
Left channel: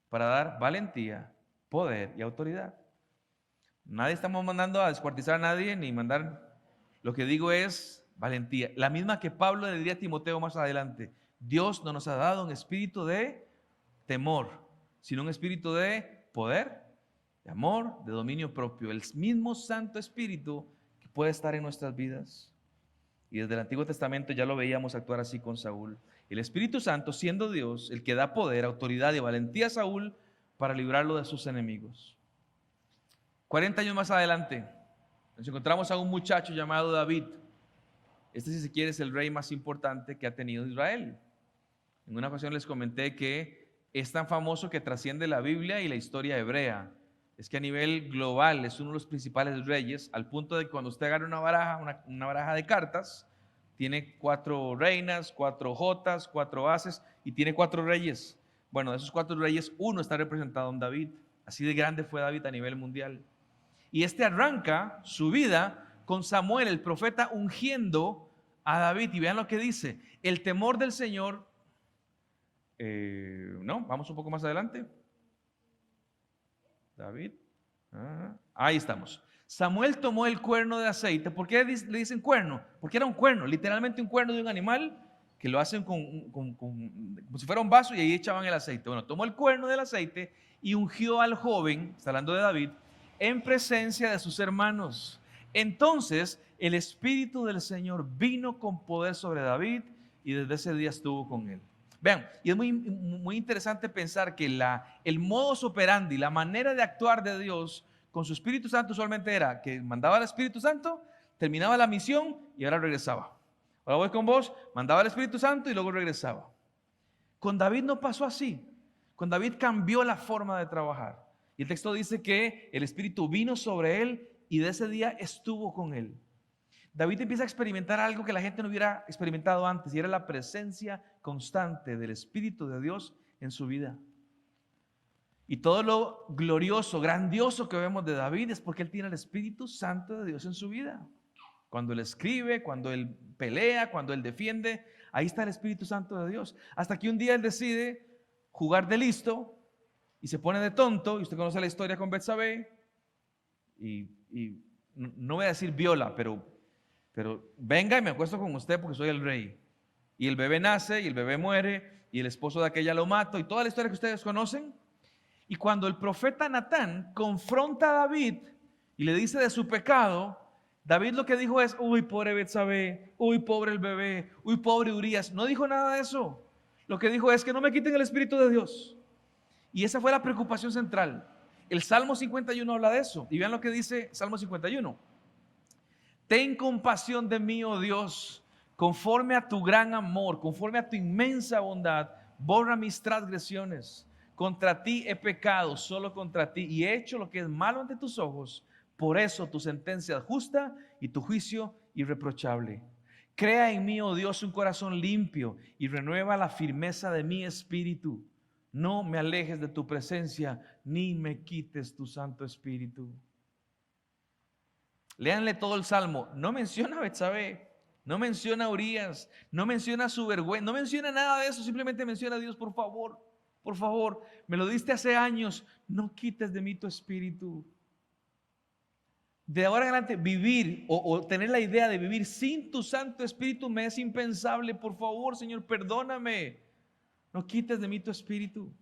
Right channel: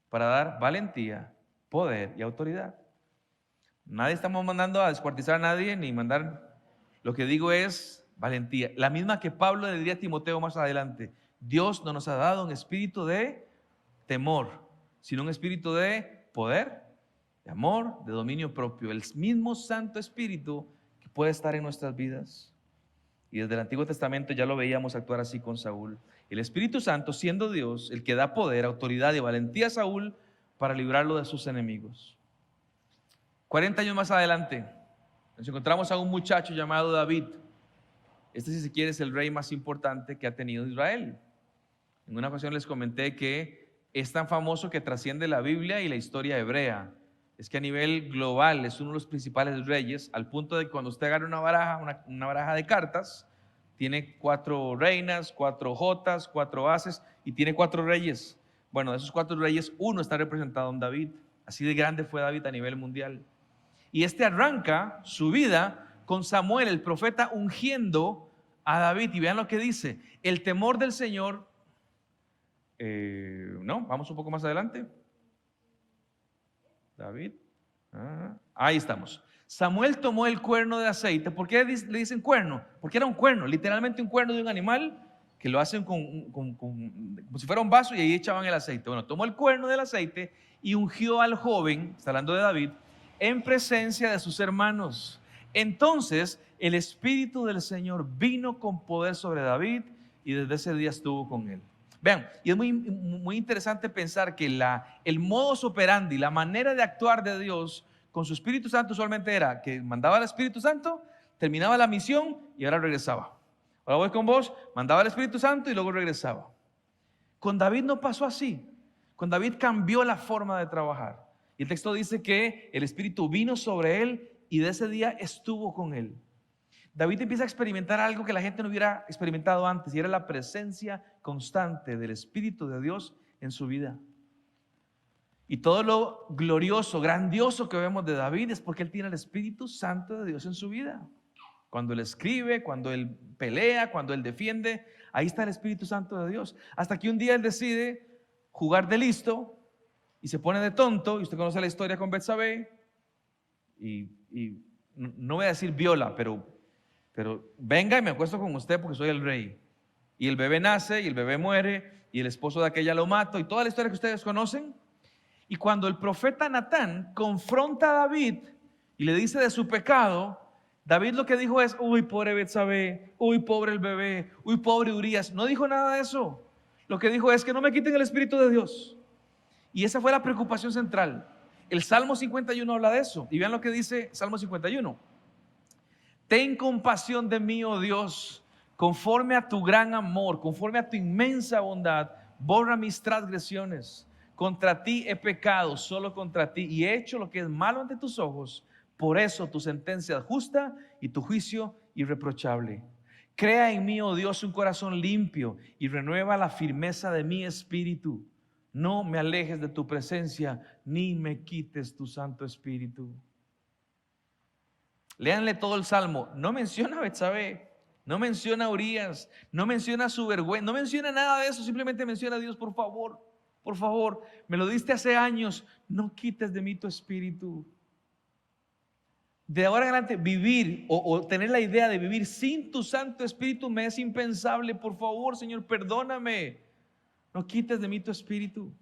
para dar valentía, poder y autoridad. Nadie estamos mandando a descuartizar a nadie, ni mandar. Lo que digo es valentía, la misma que Pablo le diría a Timoteo más adelante: Dios no nos ha dado un espíritu de temor, sino un espíritu de poder, de amor, de dominio propio. El mismo Santo Espíritu que puede estar en nuestras vidas. Y desde el Antiguo Testamento ya lo veíamos actuar así con Saúl. El Espíritu Santo, siendo Dios, el que da poder, autoridad y valentía a Saúl para librarlo de sus enemigos. 40 años más adelante, nos encontramos a un muchacho llamado David. Este, si se quiere, es el rey más importante que ha tenido Israel. En una ocasión les comenté que es tan famoso que trasciende la Biblia y la historia hebrea. Es que a nivel global es uno de los principales reyes, al punto de que cuando usted agarra una baraja de cartas, tiene 4 reinas, 4 jotas, 4 ases y tiene 4 reyes. Bueno, de esos 4 reyes, uno está representado en David. Así de grande fue David a nivel mundial. Y este arranca su vida con Samuel, el profeta, ungiendo a David. Y vean lo que dice: el temor del Señor. No, vamos un poco más adelante. David. Ahí estamos. Samuel tomó el cuerno de aceite. ¿Por qué le dicen cuerno? Porque era un cuerno, literalmente un cuerno de un animal que lo hacen como si fuera un vaso, y ahí echaban el aceite. Bueno, tomó el cuerno del aceite y ungió al joven, está hablando de David, en presencia de sus hermanos. Entonces el Espíritu del Señor vino con poder sobre David y desde ese día estuvo con él. Vean, y es muy interesante pensar que el modus operandi, la manera de actuar de Dios con su Espíritu Santo solamente era que mandaba al Espíritu Santo, terminaba la misión y ahora regresaba. Ahora voy con vos, mandaba al Espíritu Santo y luego regresaba. Con David no pasó así. Con David cambió la forma de trabajar. Y el texto dice que el Espíritu vino sobre él y de ese día estuvo con él. David empieza a experimentar algo que la gente no hubiera experimentado antes, y era la presencia constante del Espíritu de Dios en su vida. Y todo lo glorioso, grandioso que vemos de David es porque él tiene el Espíritu Santo de Dios en su vida. Cuando él escribe, cuando él pelea, cuando él defiende, ahí está el Espíritu Santo de Dios. Hasta que un día él decide jugar de listo y se pone de tonto. Y usted conoce la historia con Betsabé. Y no voy a decir viola, pero venga y me acuesto con usted porque soy el rey. Y el bebé nace y el bebé muere y el esposo de aquella lo mata, y toda la historia que ustedes conocen. Y cuando el profeta Natán confronta a David y le dice de su pecado, David lo que dijo es: uy, pobre Betsabé, uy, pobre el bebé, uy, pobre Urías. No dijo nada de eso. Lo que dijo es: que no me quiten el Espíritu de Dios. Y esa fue la preocupación central. El Salmo 51 habla de eso. Y vean lo que dice Salmo 51. Ten compasión de mí, oh Dios, conforme a tu gran amor, conforme a tu inmensa bondad, borra mis transgresiones. Contra ti he pecado, solo contra ti, y he hecho lo que es malo ante tus ojos. Por eso tu sentencia es justa y tu juicio irreprochable. Crea en mí, oh Dios, un corazón limpio y renueva la firmeza de mi espíritu. No me alejes de tu presencia, ni me quites tu Santo Espíritu. Léanle todo el Salmo. No menciona a Betsabé, no menciona a Urías, no menciona su vergüenza, no menciona nada de eso. Simplemente menciona a Dios: por favor, me lo diste hace años, no quites de mí tu espíritu. De ahora en adelante vivir o tener la idea de vivir sin tu Santo Espíritu me es impensable. Por favor, Señor, perdóname, no quites de mí tu espíritu.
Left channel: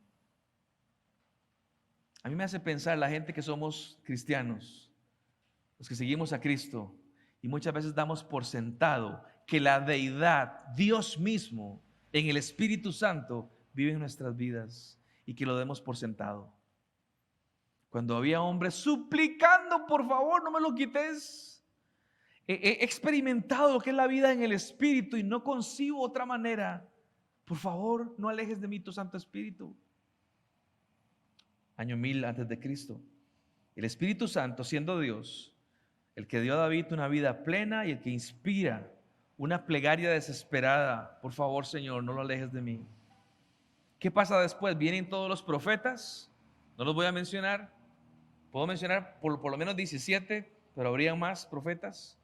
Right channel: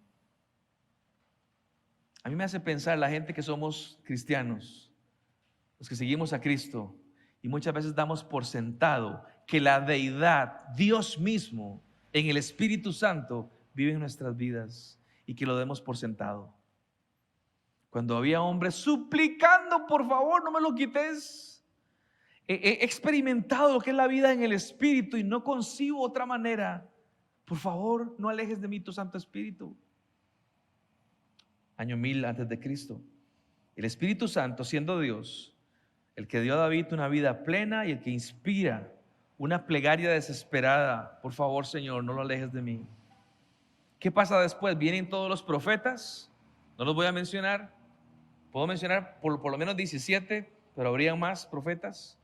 A mí me hace pensar la gente que somos cristianos, los que seguimos a Cristo, y muchas veces damos por sentado que la deidad, Dios mismo, en el Espíritu Santo, vive en nuestras vidas, y que lo demos por sentado. Cuando había hombres suplicando: por favor, no me lo quites. He experimentado lo que es la vida en el Espíritu y no concibo otra manera. Por favor, no alejes de mí tu Santo Espíritu. Año 1000 antes de Cristo. El Espíritu Santo, siendo Dios, el que dio a David una vida plena y el que inspira una plegaria desesperada: por favor, Señor, no lo alejes de mí. ¿Qué pasa después? Vienen todos los profetas. No los voy a mencionar. Puedo mencionar por lo menos 17, pero habrían más profetas,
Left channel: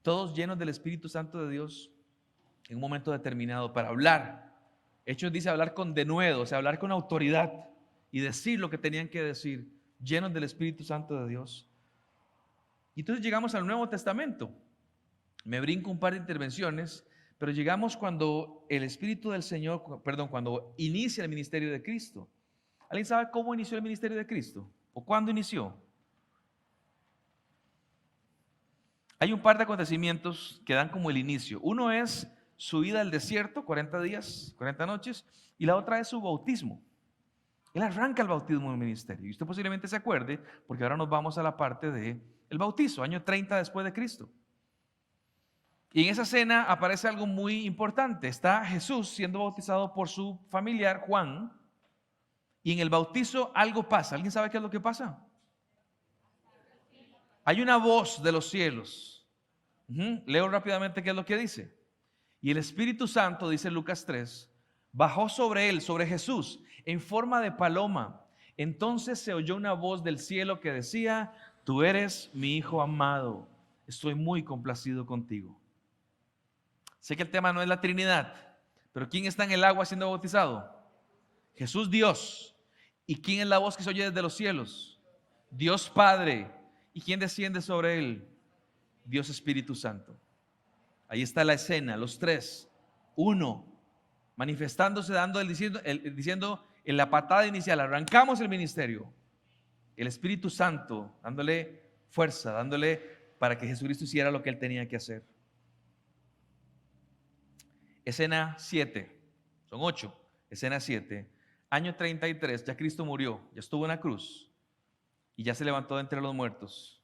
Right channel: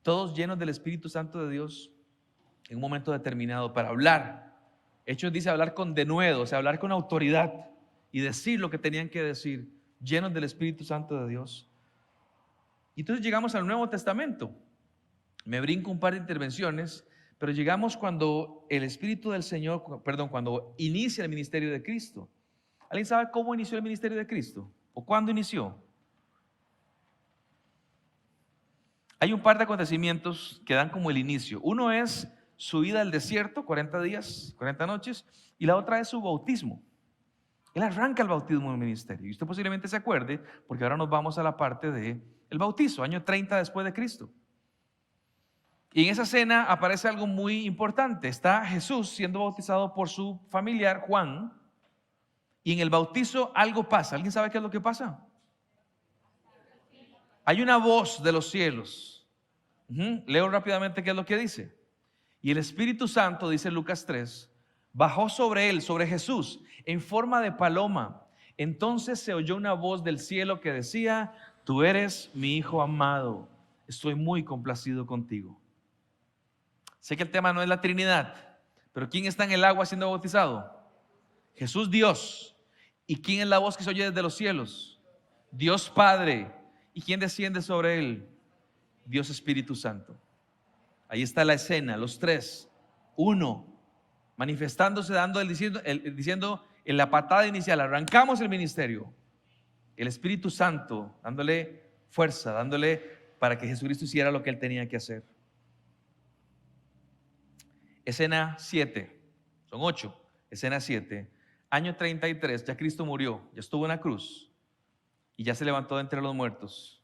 todos llenos del Espíritu Santo de Dios en un momento determinado para hablar. Hechos dice hablar con denuedo, o sea, hablar con autoridad y decir lo que tenían que decir, llenos del Espíritu Santo de Dios. Y entonces llegamos al Nuevo Testamento. Me brinco un par de intervenciones, pero llegamos cuando el Espíritu del Señor, cuando inicia el ministerio de Cristo. ¿Alguien sabe cómo inició el ministerio de Cristo? ¿O cuándo inició? Hay un par de acontecimientos que dan como el inicio. Uno es su ida al desierto, 40 días, 40 noches, y la otra es su bautismo. Él arranca el bautismo en el ministerio. Y usted posiblemente se acuerde, porque ahora nos vamos a la parte del bautizo, año 30 después de Cristo. Y en esa escena aparece algo muy importante. Está Jesús siendo bautizado por su familiar Juan. Y en el bautizo algo pasa. ¿Alguien sabe qué es lo que pasa? Hay una voz de los cielos. Leo rápidamente qué es lo que dice. Y el Espíritu Santo, dice Lucas 3, bajó sobre él, sobre Jesús, en forma de paloma. Entonces se oyó una voz del cielo que decía: tú eres mi Hijo amado, estoy muy complacido contigo. Sé que el tema no es la Trinidad, pero ¿quién está en el agua siendo bautizado? Jesús, Dios. ¿Y quién es la voz que se oye desde los cielos? Dios Padre. ¿Y quién desciende sobre él? Dios Espíritu Santo. Ahí está la escena, los tres, uno, manifestándose, diciendo en la patada inicial: arrancamos el ministerio. El Espíritu Santo dándole fuerza, dándole para que Jesucristo hiciera lo que él tenía que hacer. Escena 7, son 8, escena 7. Año 33, ya Cristo murió, ya estuvo en la cruz y ya se levantó de entre los muertos,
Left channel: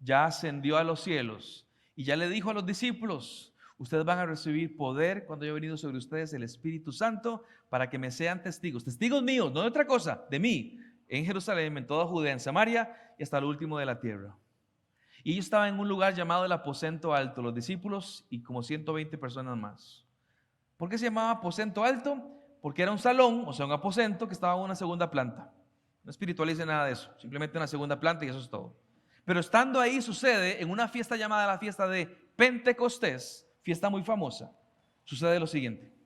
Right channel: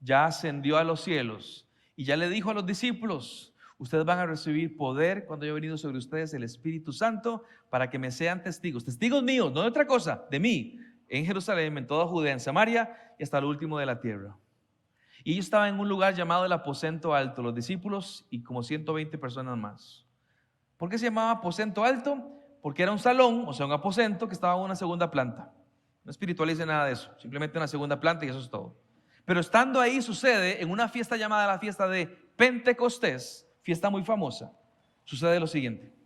ya ascendió a los cielos y ya le dijo a los discípulos: ustedes van a recibir poder cuando haya venido sobre ustedes el Espíritu Santo para que me sean testigos míos, no de otra cosa, de mí, en Jerusalén, en toda Judea, en Samaria y hasta lo último de la tierra. Y ellos estaban en un lugar llamado el aposento alto, los discípulos y como 120 personas más. ¿Por qué se llamaba aposento alto? Porque era un salón, o sea, un aposento que estaba en una segunda planta. No espiritualice nada de eso, simplemente una segunda planta y eso es todo. Pero estando ahí sucede, en una fiesta llamada la fiesta de Pentecostés, fiesta muy famosa, sucede lo siguiente.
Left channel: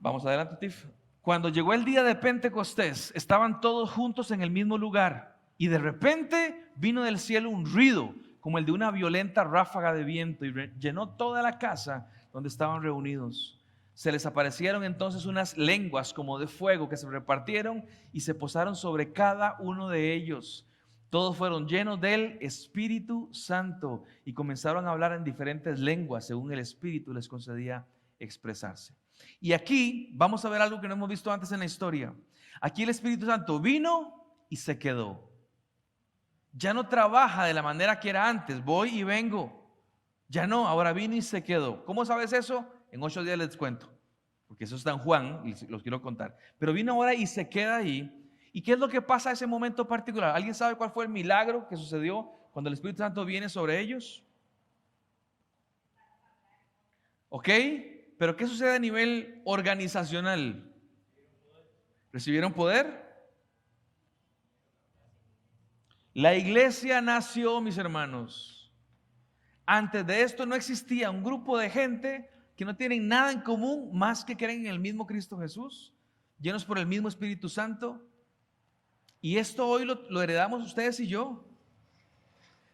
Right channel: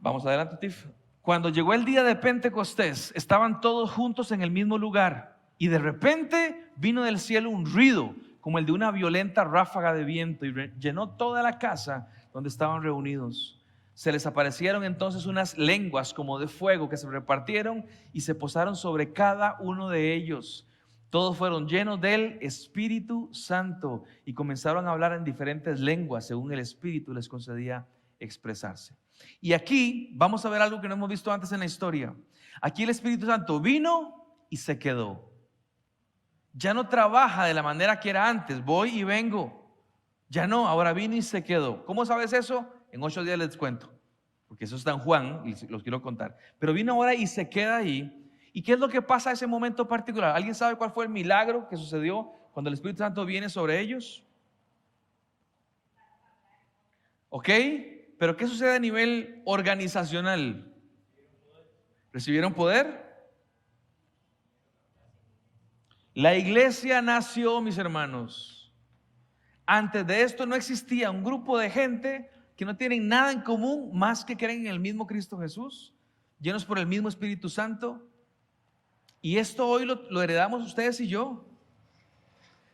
Vamos adelante, Tiff. Cuando llegó el día de Pentecostés, estaban todos juntos en el mismo lugar y de repente vino del cielo un ruido como el de una violenta ráfaga de viento y llenó toda la casa donde estaban reunidos. Se les aparecieron entonces unas lenguas como de fuego que se repartieron y se posaron sobre cada uno de ellos. Todos fueron llenos del Espíritu Santo y comenzaron a hablar en diferentes lenguas según el Espíritu les concedía expresarse. Y aquí vamos a ver algo que no hemos visto antes en la historia. Aquí el Espíritu Santo vino y se quedó. Ya no trabaja de la manera que era antes, voy y vengo. Ya no, ahora vino y se quedó. ¿Cómo sabes eso? En 8 días les cuento, porque eso está en Juan y los quiero contar. Pero vino ahora y se queda ahí. ¿Y qué es lo que pasa a ese momento particular? ¿Alguien sabe cuál fue el milagro que sucedió cuando el Espíritu Santo viene sobre ellos? ¿Ok? Pero ¿qué sucede a nivel organizacional? ¿Recibieron poder? La iglesia nació, mis hermanos. Antes de esto no existía un grupo de gente que no tienen nada en común más que creen en el mismo Cristo Jesús, llenos por el mismo Espíritu Santo. Y esto hoy lo heredamos ustedes y yo.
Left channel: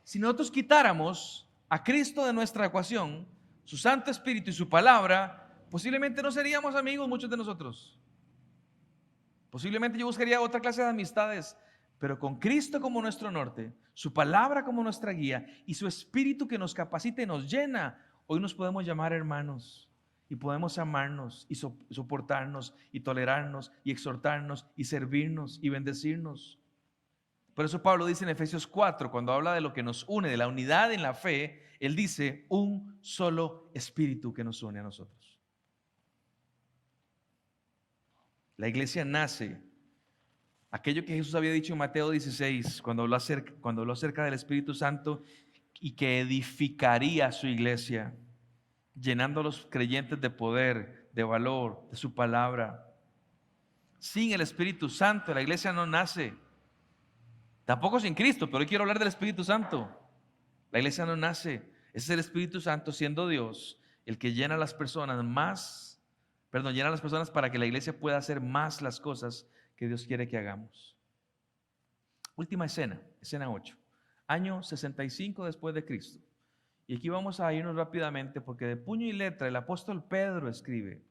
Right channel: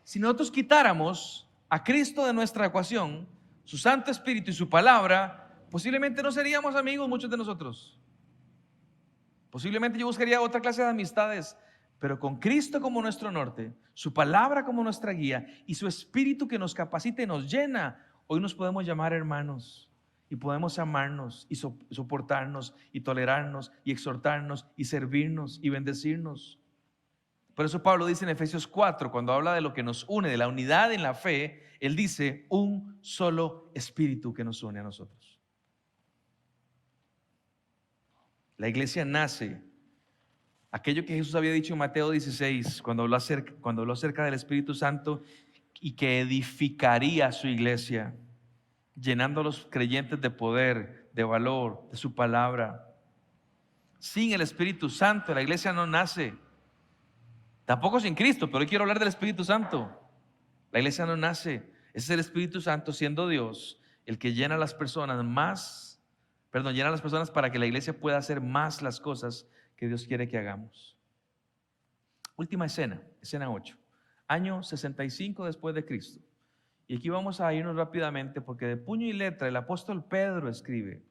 Si nosotros quitáramos a Cristo de nuestra ecuación, su Santo Espíritu y su palabra, posiblemente no seríamos amigos muchos de nosotros. Posiblemente yo buscaría otra clase de amistades, pero con Cristo como nuestro norte, su palabra como nuestra guía y su Espíritu que nos capacita y nos llena, hoy nos podemos llamar hermanos y podemos amarnos y soportarnos y tolerarnos y exhortarnos y servirnos y bendecirnos. Por eso Pablo dice en Efesios 4, cuando habla de lo que nos une, de la unidad en la fe, él dice un solo Espíritu que nos une a nosotros. La iglesia nace, aquello que Jesús había dicho en Mateo 16, cuando habló acerca del Espíritu Santo y que edificaría su iglesia, llenando a los creyentes de poder, de valor, de su palabra. Sin el Espíritu Santo la iglesia no nace. Tampoco sin Cristo, pero hoy quiero hablar del Espíritu Santo. La iglesia no nace. Ese es el Espíritu Santo, siendo Dios el que llena a las personas llena a las personas para que la iglesia pueda hacer más las cosas que Dios quiere que hagamos. Última escena, escena 8, año 65 después de Cristo. Y aquí vamos a irnos rápidamente porque de puño y letra el apóstol Pedro escribe.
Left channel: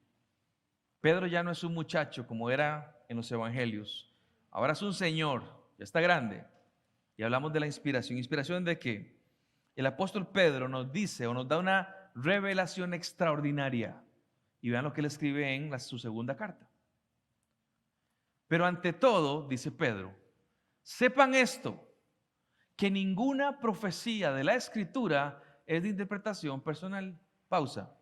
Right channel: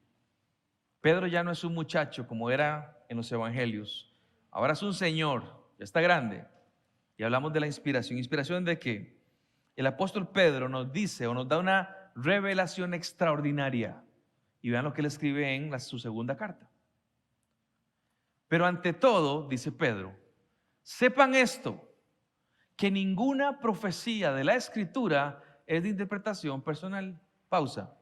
Pedro ya no es un muchacho como era en los evangelios, ahora es un señor, ya está grande. Y hablamos de la inspiración. ¿Inspiración de qué? El apóstol Pedro nos dice o nos da una revelación extraordinaria. Y vean lo que él escribe en su segunda carta. Pero ante todo, dice Pedro, sepan esto, que ninguna profecía de la Escritura es de interpretación personal. Pausa.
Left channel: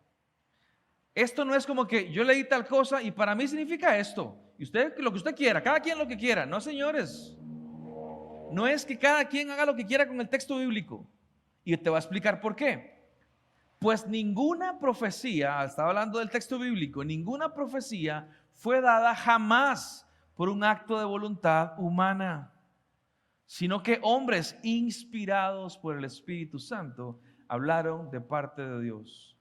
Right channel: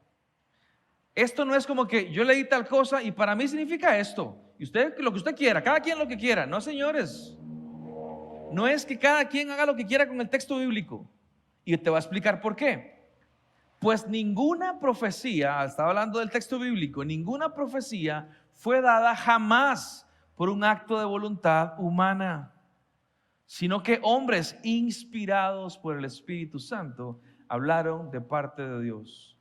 Esto no es como que yo leí tal cosa y para mí significa esto. Y usted lo que usted quiera, cada quien lo que quiera. No, señores. No es que cada quien haga lo que quiera con el texto bíblico. Y te voy a explicar por qué. Pues ninguna profecía, estaba hablando del texto bíblico, ninguna profecía fue dada jamás por un acto de voluntad humana, sino que hombres inspirados por el Espíritu Santo hablaron de parte de Dios.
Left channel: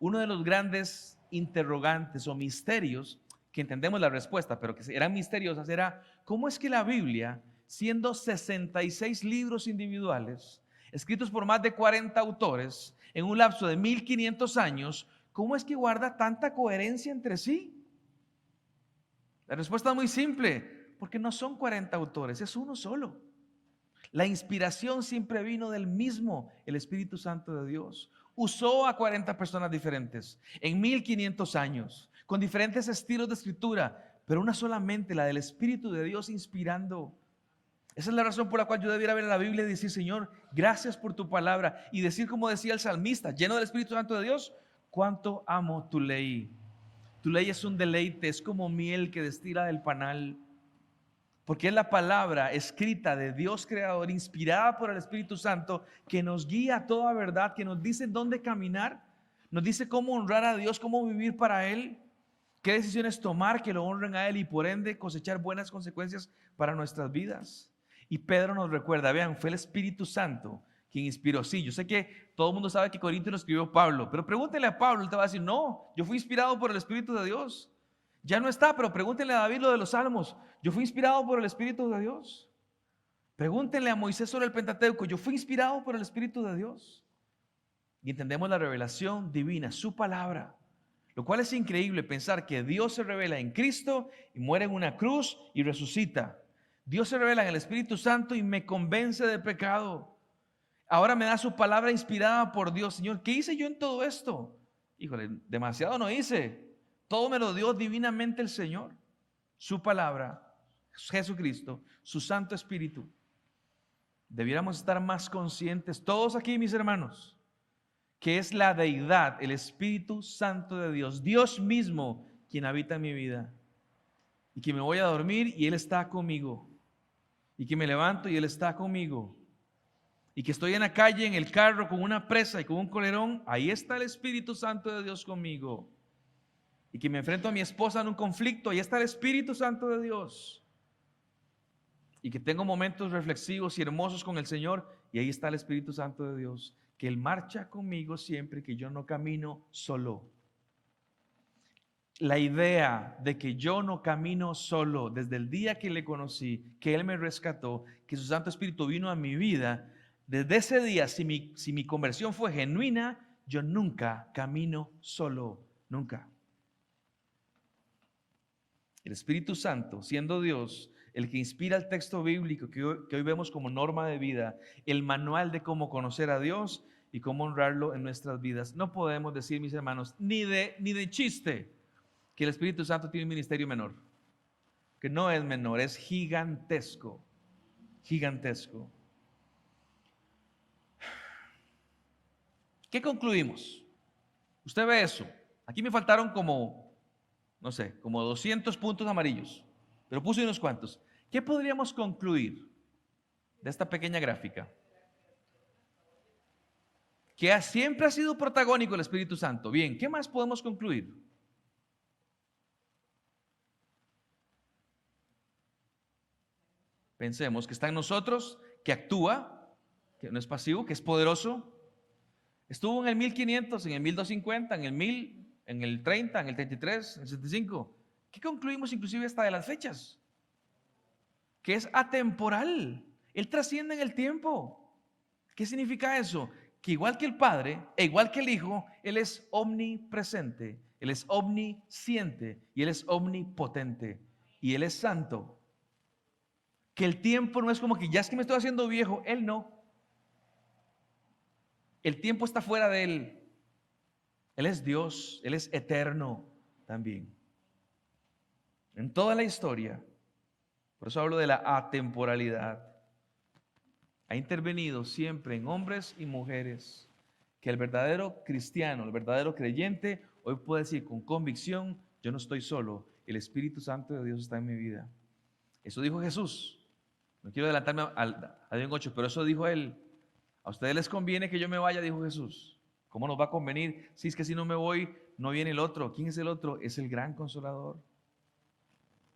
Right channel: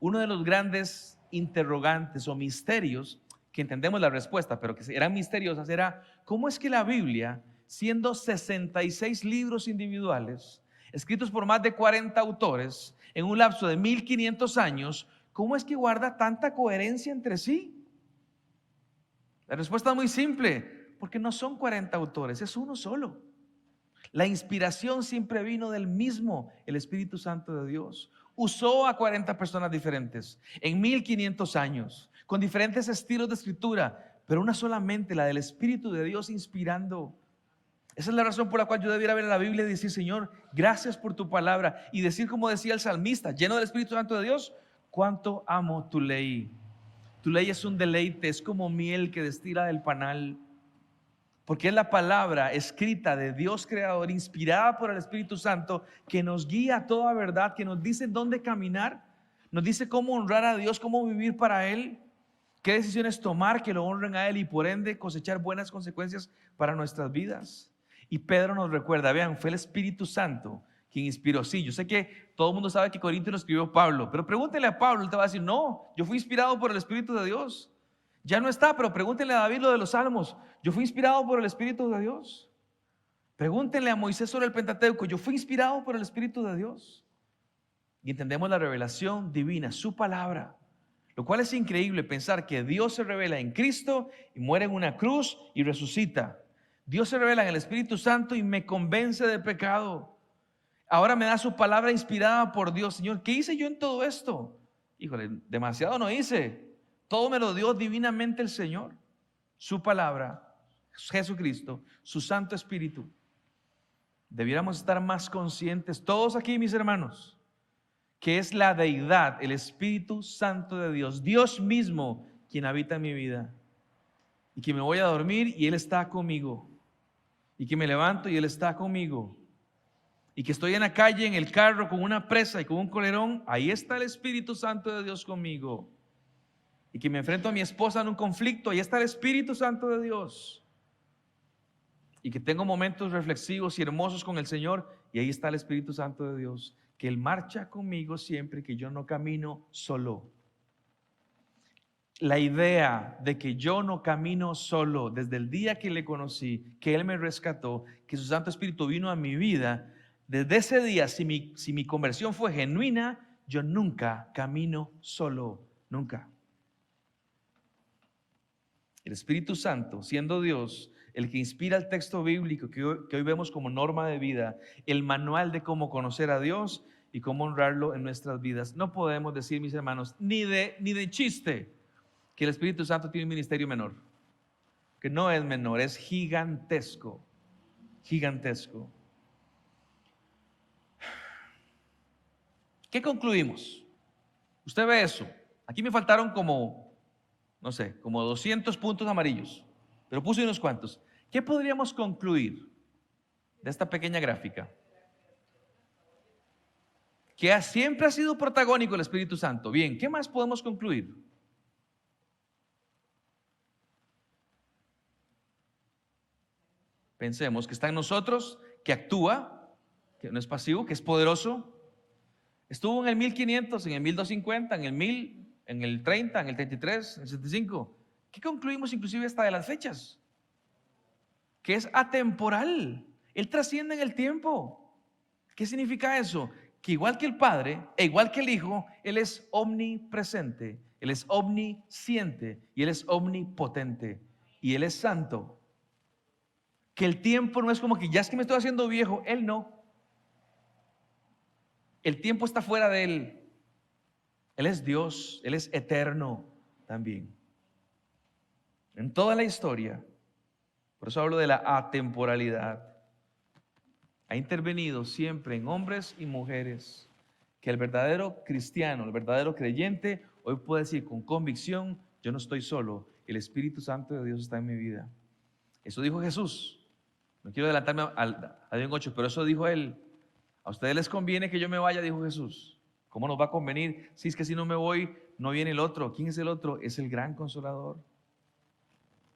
Uno de los grandes interrogantes o misterios, que entendemos la respuesta, pero que eran misteriosas, era ¿cómo es que la Biblia, siendo 66 libros individuales, escritos por más de 40 autores, en un lapso de 1500 años, cómo es que guarda tanta coherencia entre sí? La respuesta es muy simple, porque no son 40 autores, es uno solo. La inspiración siempre vino del mismo, el Espíritu Santo de Dios. Usó a 40 personas diferentes en 1500 años, con diferentes estilos de escritura, pero una solamente, la del Espíritu de Dios inspirando. Esa es la razón por la cual yo debiera ver la Biblia y decir, Señor, gracias por tu palabra. Y decir como decía el salmista, lleno del Espíritu Santo de Dios, cuánto amo tu ley. Tu ley es un deleite, es como miel que destila del panal. Porque es la palabra escrita de Dios creador, inspirada por el Espíritu Santo, que nos guía a toda verdad, que nos dice dónde caminar, nos dice cómo honrar a Dios, cómo vivir para Él, qué decisiones tomar que lo honren a Él y por ende cosechar buenas consecuencias para nuestras vidas. Y Pedro nos recuerda, vean, fue el Espíritu Santo quien inspiró. Sí, yo sé que todo el mundo sabe que Corintios lo escribió Pablo, pero pregúntele a Pablo, él te va a decir, no, yo fui inspirado por el Espíritu de Dios. Ya no está, pero pregúntenle a David lo de los Salmos, yo fui inspirado por el Espíritu de Dios. Pregúntenle a Moisés sobre el Pentateuco, yo fui inspirado por el Espíritu de Dios. Y entendemos la revelación divina, su palabra, Lo cual es increíble pensar que Dios se revela en Cristo y muere en una cruz y resucita. Dios se revela en el Espíritu Santo y me convence de pecado. Ahora me da su palabra inspirada por Dios. Señor, ¿qué hice yo en todo esto? Híjole, demasiado no hice. Todo me lo dio divinamente el Señor. Su palabra, Jesucristo, su Santo Espíritu. Debiéramos estar más conscientes, todos aquí, mis hermanos, que es la deidad, el Espíritu Santo de Dios, Dios mismo, quien habita en mi vida. Y que me voy a dormir y Él está conmigo. Y que me levanto y Él está conmigo. Y que estoy en la calle, en el carro, con una presa y con un colerón, ahí está el Espíritu Santo de Dios conmigo. Y que me enfrento a mi esposa en un conflicto, ahí está el Espíritu Santo de Dios. Y que tengo momentos reflexivos y hermosos con el Señor, y ahí está el Espíritu Santo de Dios, que Él marcha conmigo siempre, que yo no camino solo. La idea de que yo no camino solo desde el día que le conocí, que Él me rescató, que su Santo Espíritu vino a mi vida, desde ese día, si mi conversión fue genuina, yo nunca camino solo, nunca. El Espíritu Santo, siendo Dios, el que inspira el texto bíblico que hoy vemos como norma de vida, el manual de cómo conocer a Dios y cómo honrarlo en nuestras vidas. No podemos decir, mis hermanos, ni de chiste, que el Espíritu Santo tiene un ministerio menor. Que no es menor, es gigantesco. Gigantesco. ¿Qué concluimos? Usted ve eso. Aquí me faltaron como 200 puntos amarillos, pero puse unos cuantos. ¿Qué podríamos concluir de esta pequeña gráfica? Que siempre ha sido protagónico el Espíritu Santo. Bien, ¿qué más podemos concluir? Pensemos que está en nosotros, que actúa, que no es pasivo, que es poderoso. Estuvo en el 1500, en el 1250, en el 1000, en el 30, en el 33, en el 75. ¿Qué concluimos inclusive hasta de las fechas? Que es atemporal. Él trasciende en el tiempo. ¿Qué significa eso? Que igual que el Padre e igual que el Hijo, Él es omnipresente, Él es omnisciente y Él es omnipotente y Él es santo. Que el tiempo no es como que ya es que me estoy haciendo viejo. Él no. El tiempo está fuera de Él. Él es Dios, Él es eterno también. En toda la historia, por eso hablo de la atemporalidad, ha intervenido siempre en hombres y mujeres, que el verdadero cristiano, el verdadero creyente, hoy puede decir con convicción, yo no estoy solo, el Espíritu Santo de Dios está en mi vida. Eso dijo Jesús. No quiero adelantarme a Dios 8, pero eso dijo Él. A ustedes les conviene que yo me vaya, dijo Jesús. ¿Cómo nos va a convenir? Si es que si no me voy, no viene el otro. ¿Quién es el otro? Es el gran Consolador.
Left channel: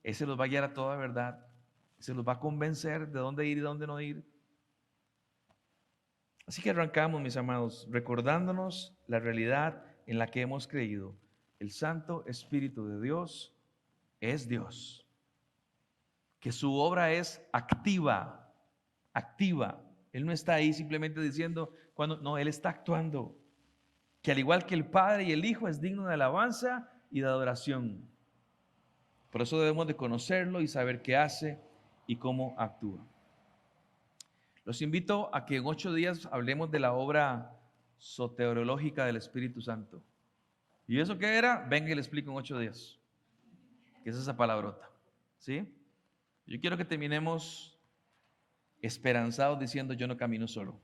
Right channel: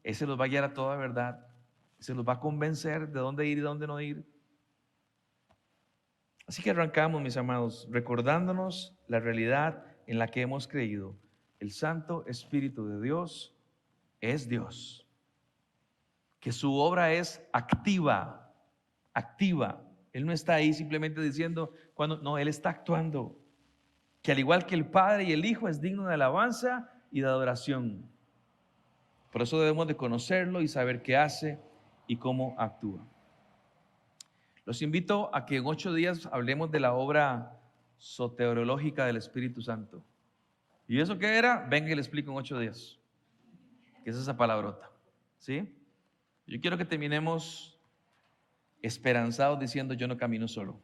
Ese los va a guiar a toda verdad. Ese los va a convencer de dónde ir y dónde no ir. Así que arrancamos, mis amados, recordándonos la realidad en la que hemos creído. El Santo Espíritu de Dios es Dios. Que su obra es activa, activa. Él no está ahí simplemente diciendo, no, Él está actuando. Que al igual que el Padre y el Hijo es digno de alabanza y de adoración. Por eso debemos de conocerlo y saber qué hace y cómo actúa. Los invito a que en 8 días hablemos de la obra soteriológica del Espíritu Santo. ¿Y eso qué era? Venga y le explico en 8 días. ¿Qué es esa palabrota? ¿Sí? Yo quiero que terminemos esperanzados diciendo, yo no camino solo.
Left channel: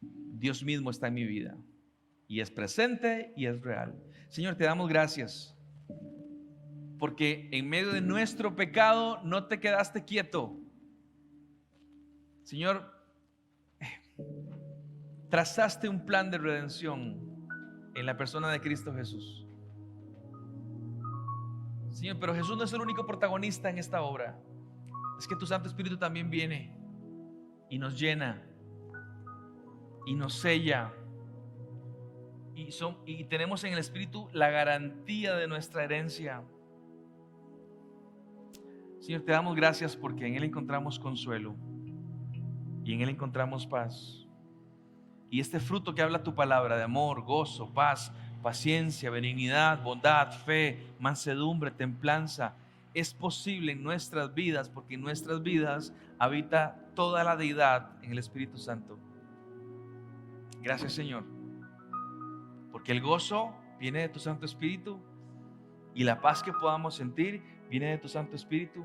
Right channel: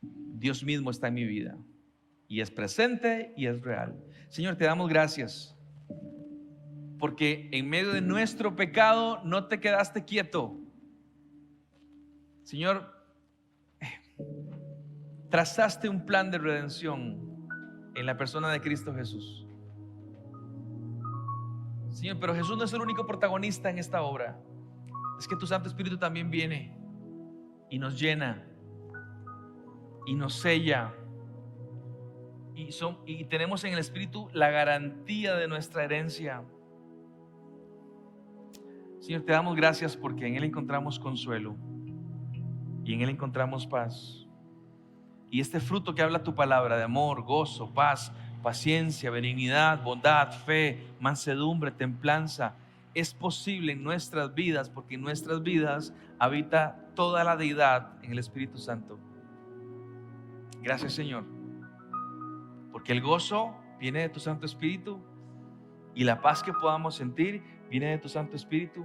Dios mismo está en mi vida. Y es presente y es real. Señor, te damos gracias. Porque en medio de nuestro pecado no te quedaste quieto. Señor, trazaste un plan de redención en la persona de Cristo Jesús. Señor, pero Jesús no es el único protagonista en esta obra. Es que tu Santo Espíritu también viene y nos llena y nos sella y tenemos en el Espíritu la garantía de nuestra herencia. Señor, te damos gracias porque en Él encontramos consuelo y en Él encontramos paz. Y este fruto que habla tu palabra de amor, gozo, paz, paciencia, benignidad, bondad, fe, mansedumbre, templanza. Es posible en nuestras vidas porque en nuestras vidas habita toda la deidad en el Espíritu Santo. Gracias, Señor, porque el gozo viene de tu Santo Espíritu y la paz que podamos sentir viene de tu Santo Espíritu.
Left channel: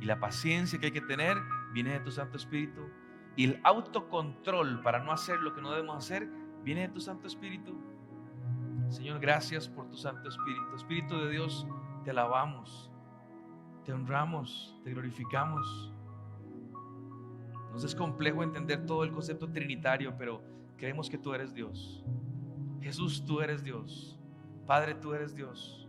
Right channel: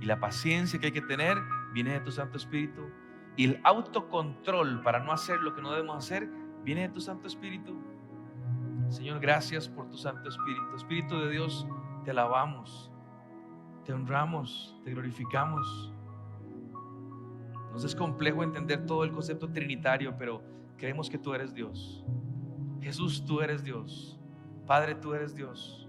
Y la paciencia que hay que tener viene de tu Santo Espíritu. Y el autocontrol para no hacer lo que no debemos hacer viene de tu Santo Espíritu. Señor, gracias por tu Santo Espíritu. Espíritu de Dios, te alabamos, te honramos, te glorificamos. Nos es complejo entender todo el concepto trinitario, pero creemos que tú eres Dios. Jesús, tú eres Dios. Padre, tú eres Dios.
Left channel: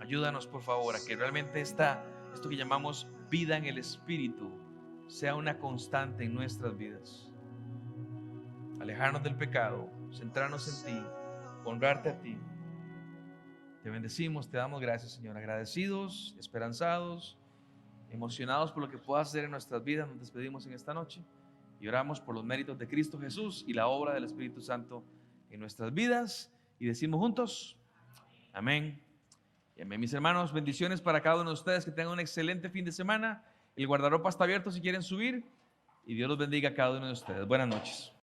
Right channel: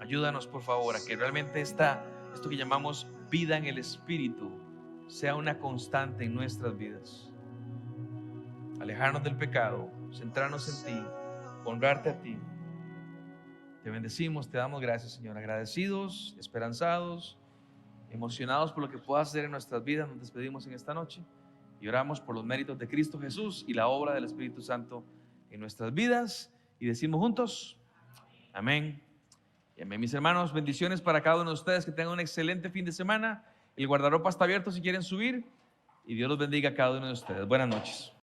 Ayúdanos, por favor, a que realmente esto que llamamos vida en el Espíritu sea una constante en nuestras vidas. Alejarnos del pecado, centrarnos en ti, honrarte a ti. Te bendecimos, te damos gracias, Señor. Agradecidos, esperanzados, emocionados por lo que puedas hacer en nuestras vidas. Nos despedimos en esta noche y oramos por los méritos de Cristo Jesús y la obra del Espíritu Santo en nuestras vidas. Y decimos juntos, amén. Y amén. Mis hermanos, bendiciones para cada uno de ustedes. Que tengan un excelente fin de semana. El guardarropa está abierto si quieren subir. Y Dios los bendiga a cada uno de ustedes. Buenas noches.